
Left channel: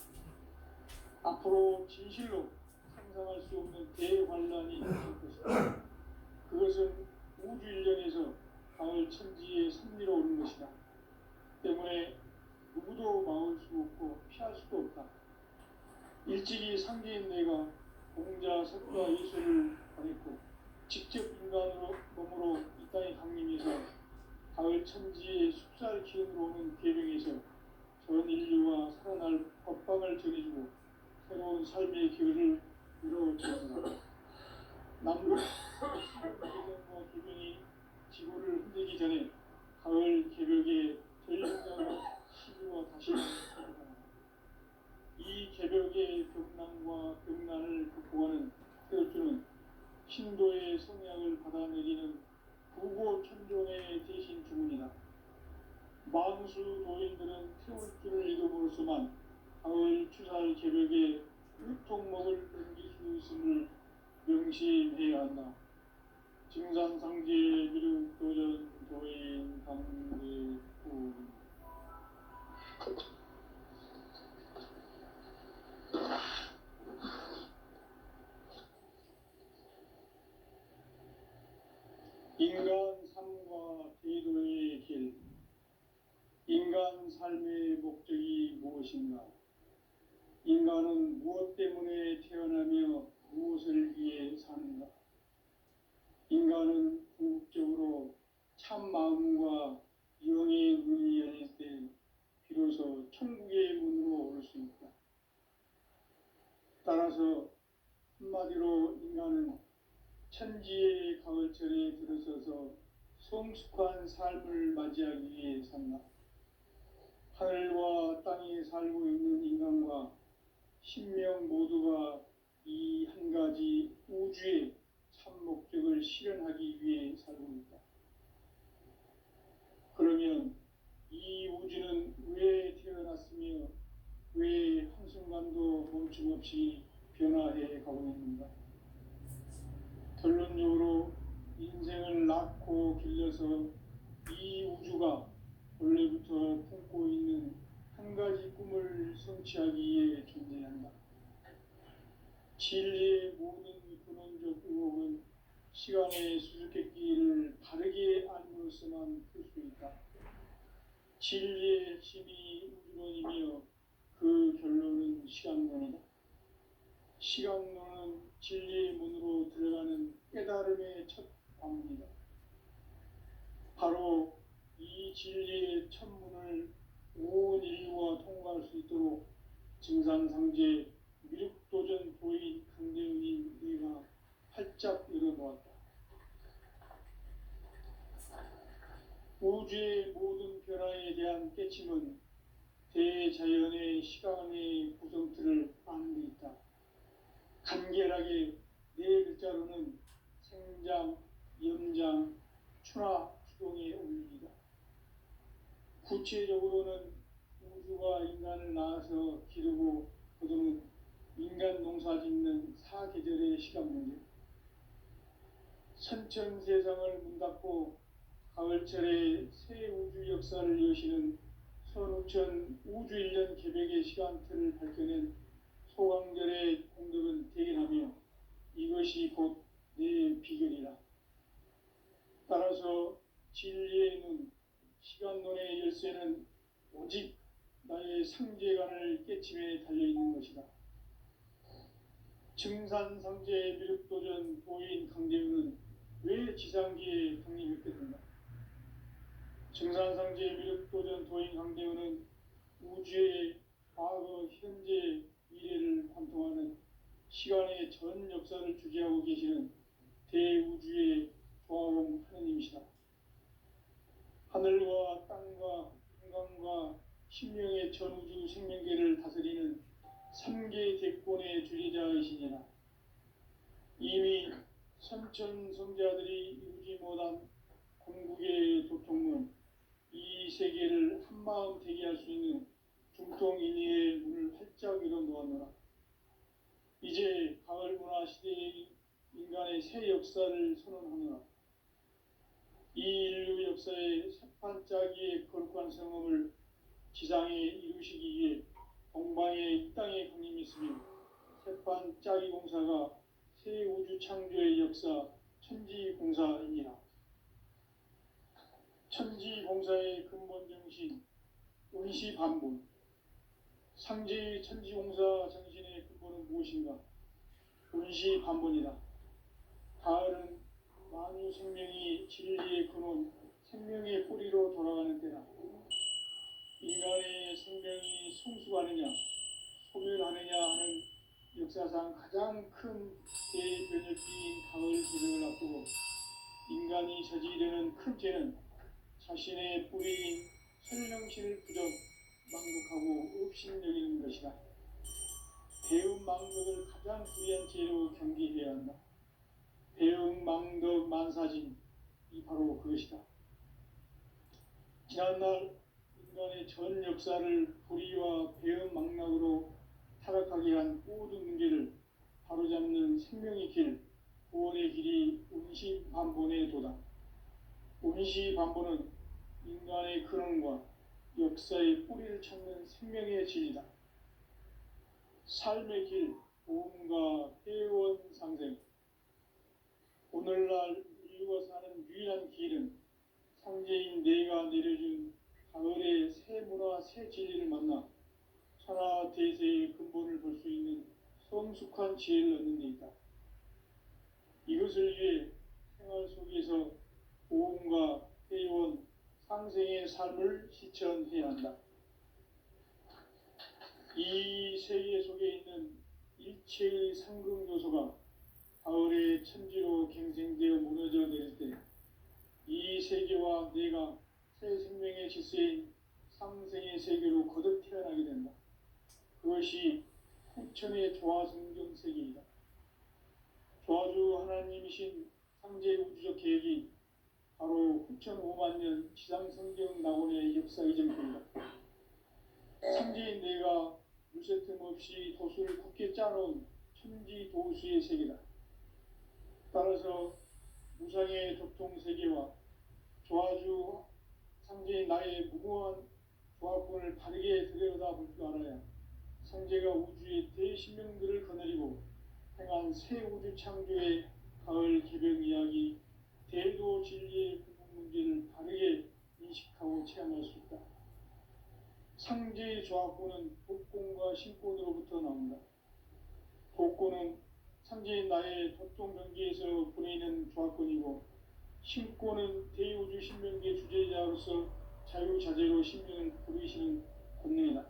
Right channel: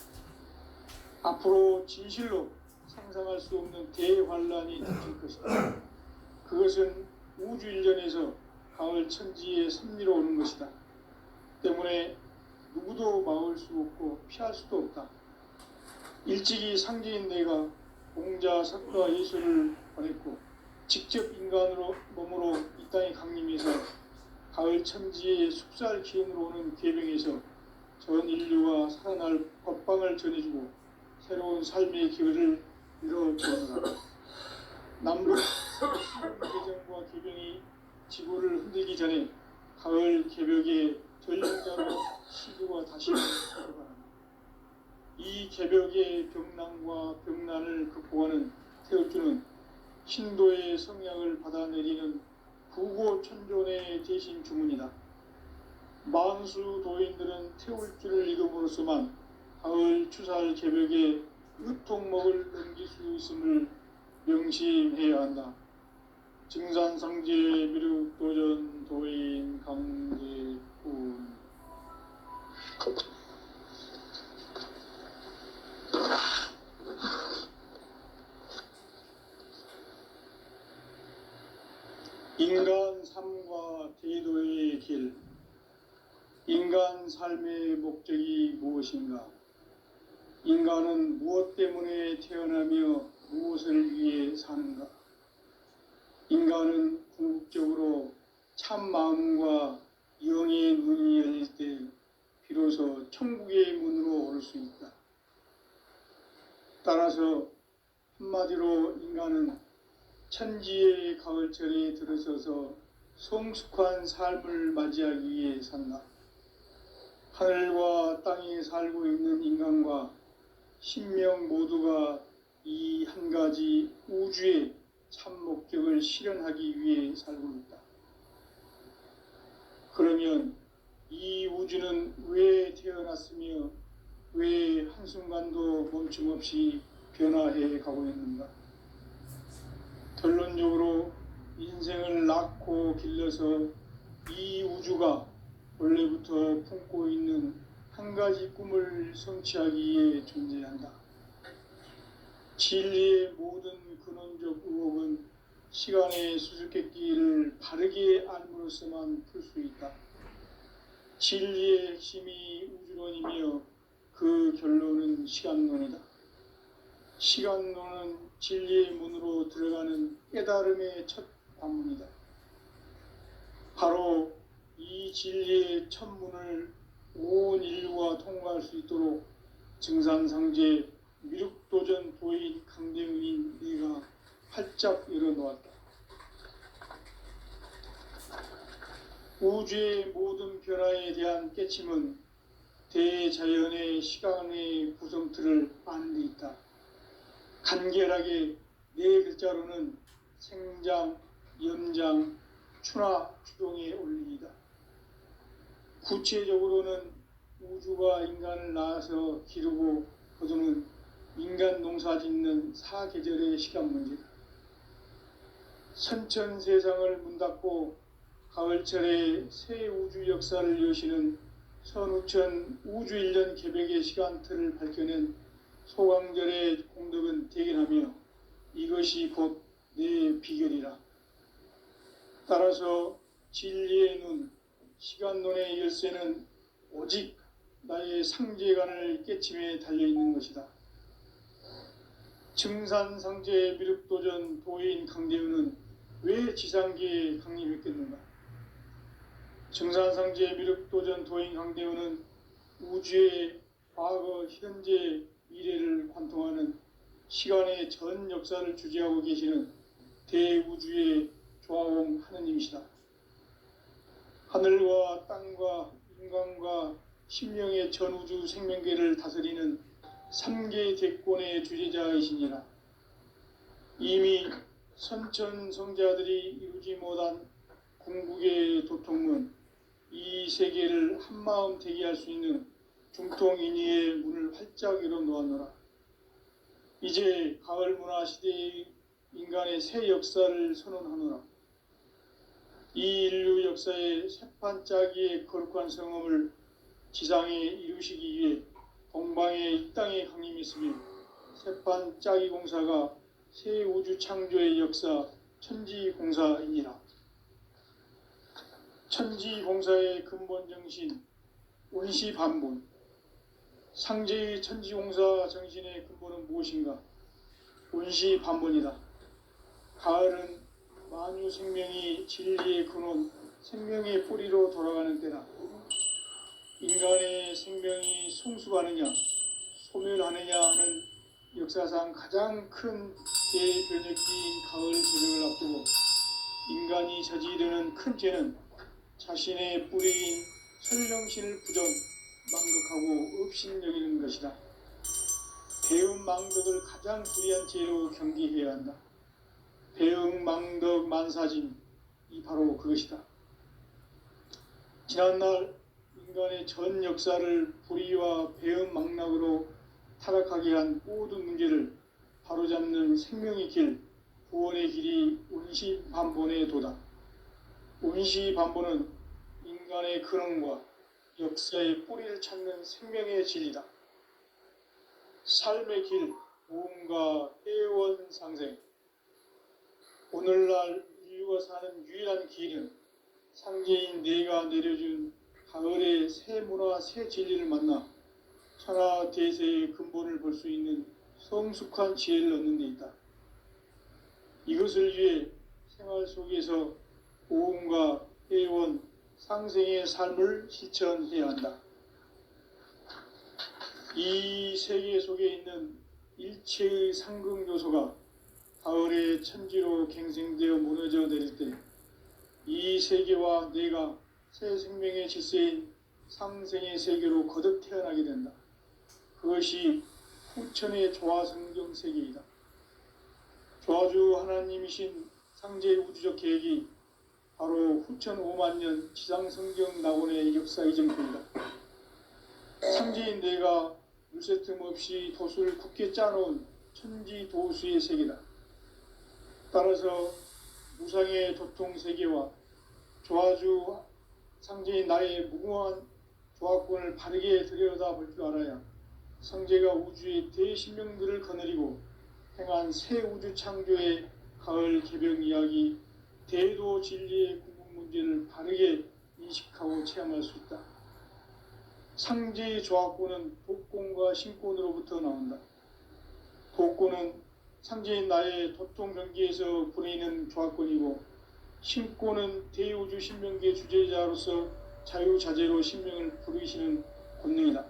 앞으로 진실로 상상할 수 없는 대환란이 닥칠 것이다. 그것은 우주 일련에서 가을 천지의 섭리로 오는 것이다. 때문에 누구도 막을 수 없고 피할 수도 없다. 일찍이 상제인 내가 공자, 석가, 예수를 보냈고 직접 인간으로 몸으로 이 땅에 강림해서 가을 천지의 숙살 기운으로 오는 계명에서 전 인류가 살아날 법방을 전해주고 새로운 삶의 기회를 이뤄보느라 남북 개정과 개병이 지구를 흔들기 전에 가을 개벽의 전력자로 시주가 다시 들어가는 이 개벽의 병난과 병난을 극복하는 태울주는 신도의 성약을 받아내리는 구고천존의 대신 주문이다. 만수 도인들은 태울주를 이름으로서만 가을 추살 개벽에 으통목을 넘길 수 있음을 명심해야 한다. 증산상제 미륵도전 도인 강제군 인간 삶과 대도의 길. 인간 삶의 목적이 무엇인가? 인간은 무엇 때문에 태어나며 무엇을 위해 사는가? 인간은 궁극적으로 참 마음과 영의 문이 열릴 때 비로소 천국의 문으로 오를 수 있다. 따라서 한마디로 인간은 천지의 가을철에 들어서서 성숙한 삶을 맞이하기 위해 산다. 하늘과 땅에 살고 있는 인간과 신명 모두가 이 한 가지 우주의 참 목적을 실현하기 위해 살고 있다. 그러면 이 우주는 왜 태어났으며 왜 한순간도 멈춤없이 변화해 가고 있는가? 결론적으로 인생을 낳고 길러서 이 우주가 원래부터 품고 있는 한 가지 꿈을 성취하기 위해 존재한다. 진리의 모든 근원적 의혹은 시간의 수수께끼를 바르게 알므로써만 풀 수 있다. 진리의 핵심이 우주론이며 그 결론은 시간론이다. 시간론은 진리의 문으로 들어가는 깨달음의 첫 관문이다. 바로 이 진리의 첫 문을 온 인류가 통과할 수 있도록 증산상제 미륵도전 도인 강대훈인 네가 활짝 열어놓았다. 우주의 모든 변화에 대한 깨침은 대자연의 시간의 구성틀을 아는 데 있다. 간결하게 네 글자로는 생장, 연장, 추나 추동의 원리이다. 구체적으로는 우주가 인간을 낳아서 기르고 거두는 인간 농사 짓는 사계절의 시간 문제다. 선천 세상을 문닫고 가을철에 새 우주 역사를 여시는 선우천 우주일년 개벽의 시간틀을 밝혀낸 소강절의 공덕은 대견하며 이것이 곧 내 비결이라. 따라서 진리의 눈, 시간론의 열쇠는 오직 나의 상제관을 깨침에 달려있는 것이다. 증산상제 미륵도전 도인 강대훈은 왜 지상계에 강림했겠는가? 증산상제 미륵도전 도인 강대훈은 우주의 과거, 현재, 미래를 관통하는 시간의 전 역사를 주재하고 계시는 대우주의 조화옹 하느님이시다. 하늘과 땅과 인간과 신명의 전우주 생명계를 다스리는 3계 대권의 주재자이시니라. 이미 선천성자들이 이루지 못한 궁극의 도통문, 이 세계를 한마음 되게 할 수 있는 중통인의의 문을 활짝 열어놓았노라. 이제 가을 문화 시대의 인간의 새 역사를 선언하노라. 이 인류 역사의 새판짜기의 거룩한 성음을 지상에 이루시기 위해 동방에 이 땅에 강림했으며 새판 짜기 공사가 새 우주 창조의 역사 천지공사이니라. 천지공사의 근본 정신 원시반본. 상제의 천지공사 정신의 근본은 무엇인가? 원시반본이다. 가을은 만유 생명이 진리의 근원, 생명의 뿌리로 돌아가는 때다. 인간의 생명이 성숙하느냐, 소멸하느냐 하는 역사상 가장 큰 대변혁기인 가을 개벽을 앞두고 인간이 저지르는 큰 죄는 자신의 뿌리인 설령신을 부정, 망극하고 업신여기는 것이다. 배음 망덕을 가장 불의한 죄로 경계해야 한다. 배음 망덕 만사짐이 바로 그것이다. 지난날 인간의 전 역사를 불의와 배음 망락으로 타락하게 한 모든 문제를 바로잡는 생명의 길, 구원의 길이 원시반본의 도다. 원시반본은 인간의 근원과 역사의 뿌리를 찾는 생명의 진리다. 삶의 길, 보험과 회원 상생. 오늘날 인류가 사는 유일한 길은 상제인 내가 내려준 가을의 새 문화, 새 진리를 만나 천하 대세의 근본을 볼 수 있는 성숙한 지혜를 얻는 데 있다. 이것을 위해 생활 속에서 보험과 회원, 상생의 삶을 실천해야 한다. 이 세계 속에 있는 일체의 상극 요소가 가을의 천지로 갱생되어 무너져 내릴 때 이 세계와 내가 새 생명의 질서인 상생의 세계로 거듭 태어나게 된다. 그것이 후천의 조화성경 세계이다. 조화주 하나님이신 상제 우주적 계획이 바로 후천 5만 년 지상성경 낙원의 역사의 정품이다. 상제인 내가 물새 틈 없이 도수를 굳게 짜놓은 천지 도수의 세계다. 따라서 무상의 도통 세계와 조화주 상제인 나의 무궁한 조화권을 바르게 들여다볼 줄 알아야 상제가 우주의 대신명들을 거느리고 행한 새 우주 창조의 가을 개벽 이야기, 대도 진리의 궁극 문제를 바르게 인식하고 체험할 수 있다. 상제의 조화권은 독권과 신권으로부터 나온다. 독권은 상제인 나의 도통 경계에서 보내는 조화권이고, 신권은 대우주 신명계 주제자로서 자유자재로 신명을 부르시는 권능이다.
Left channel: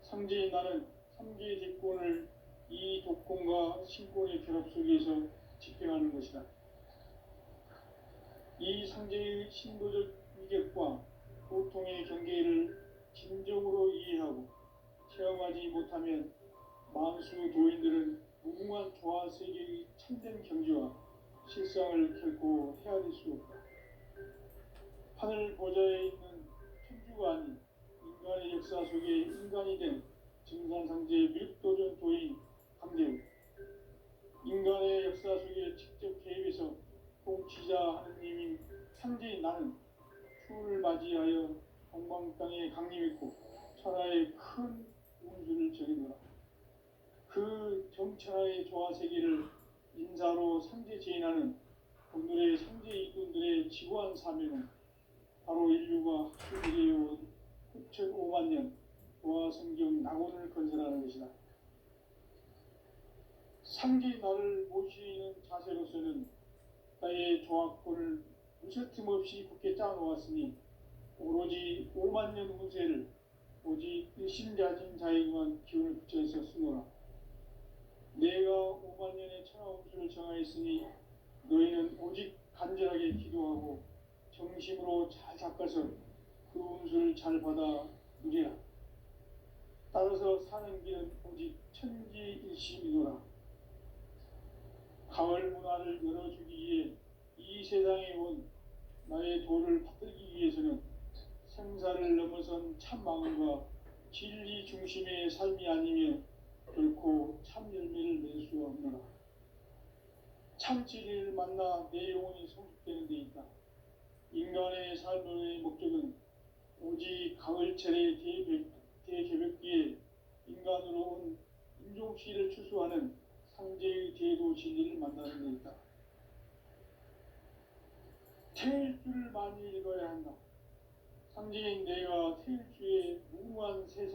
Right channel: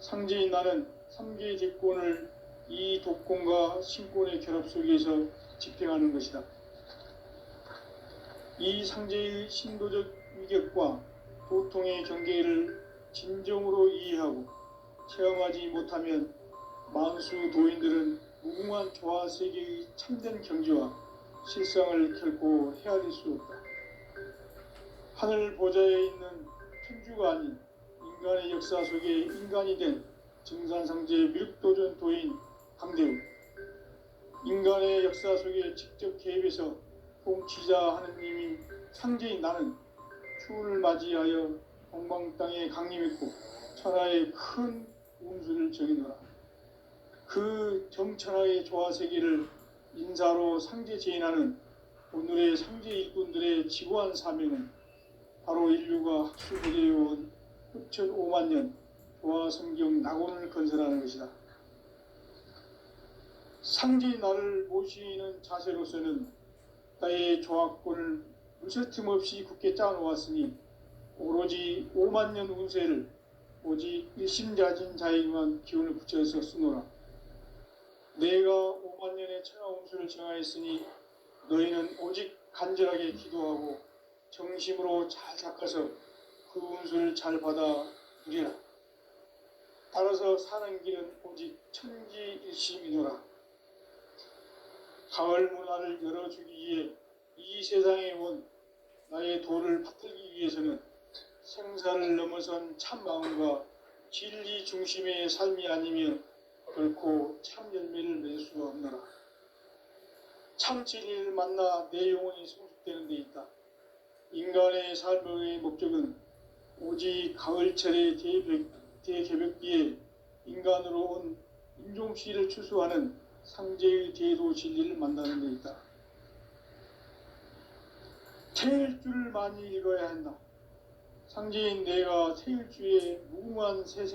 상제인 나는 3개의 제권을 이 독권과 신권의 결합 속에서 집행하는 것이다. 이 상제의 신도적 위격과 도통의 경계를 진정으로 이해하고 체험하지 못하면 만수 도인들은 무궁한 조화 세계의 참된 경지와 실상을 결코 헤아릴 수 없다. 하늘 보좌에 있는 천주가 아닌 인간의 역사 속에 인간이 된 증산상제 밀도전 도인 강대우. 인간의 역사 속에 직접 개입해서 통치자 하느님인 상제인 나는 추운을 맞이하여 동방 땅에 강림했고 천하의 큰 운수를 정해놓아. 그 정천하의 조화 세계를 인사로 상제 제인하는 오늘의 상제 일꾼들의 지구한 사명은 바로 인류가 학습해온 후천 5만 년 조화 성경 낙원을 건설하는 것이다. 상제인 나를 모시는 자세로서는 나의 조화권을 물새틈 없이 굳게 짜놓았으니 오로지 5만 년 운세를 오직 일심자진 자에게만 기운을 붙여서 쓰노라. 내가 5만 년의 천하 운수를 정하였으니 너희는 오직 간절하게 기도하고 정심으로 잘 닦아서 그 운수를 잘 받아 누리라. 따라서 사는 길은 오직 천지일심이노라. 가을 문화를 열어주기 위해 이 세상에 온 나의 도를 받들기 위해서는 생사를 넘어선 참 마음과 진리 중심의 삶이 아니면 결코 참 열매를 맺을 수가 없노라. 참 진리를 만나 내 영혼이 성숙되는 데 있다. 인간의 삶의 목적은 오직 가을철의 대개벽기에 인간으로 온 임종씨를 추수하는 상제의 대도 진리를 만나는 데 있다. 태일주를 많이 읽어야 한다. 상제인 내가 태일주의 무궁한 새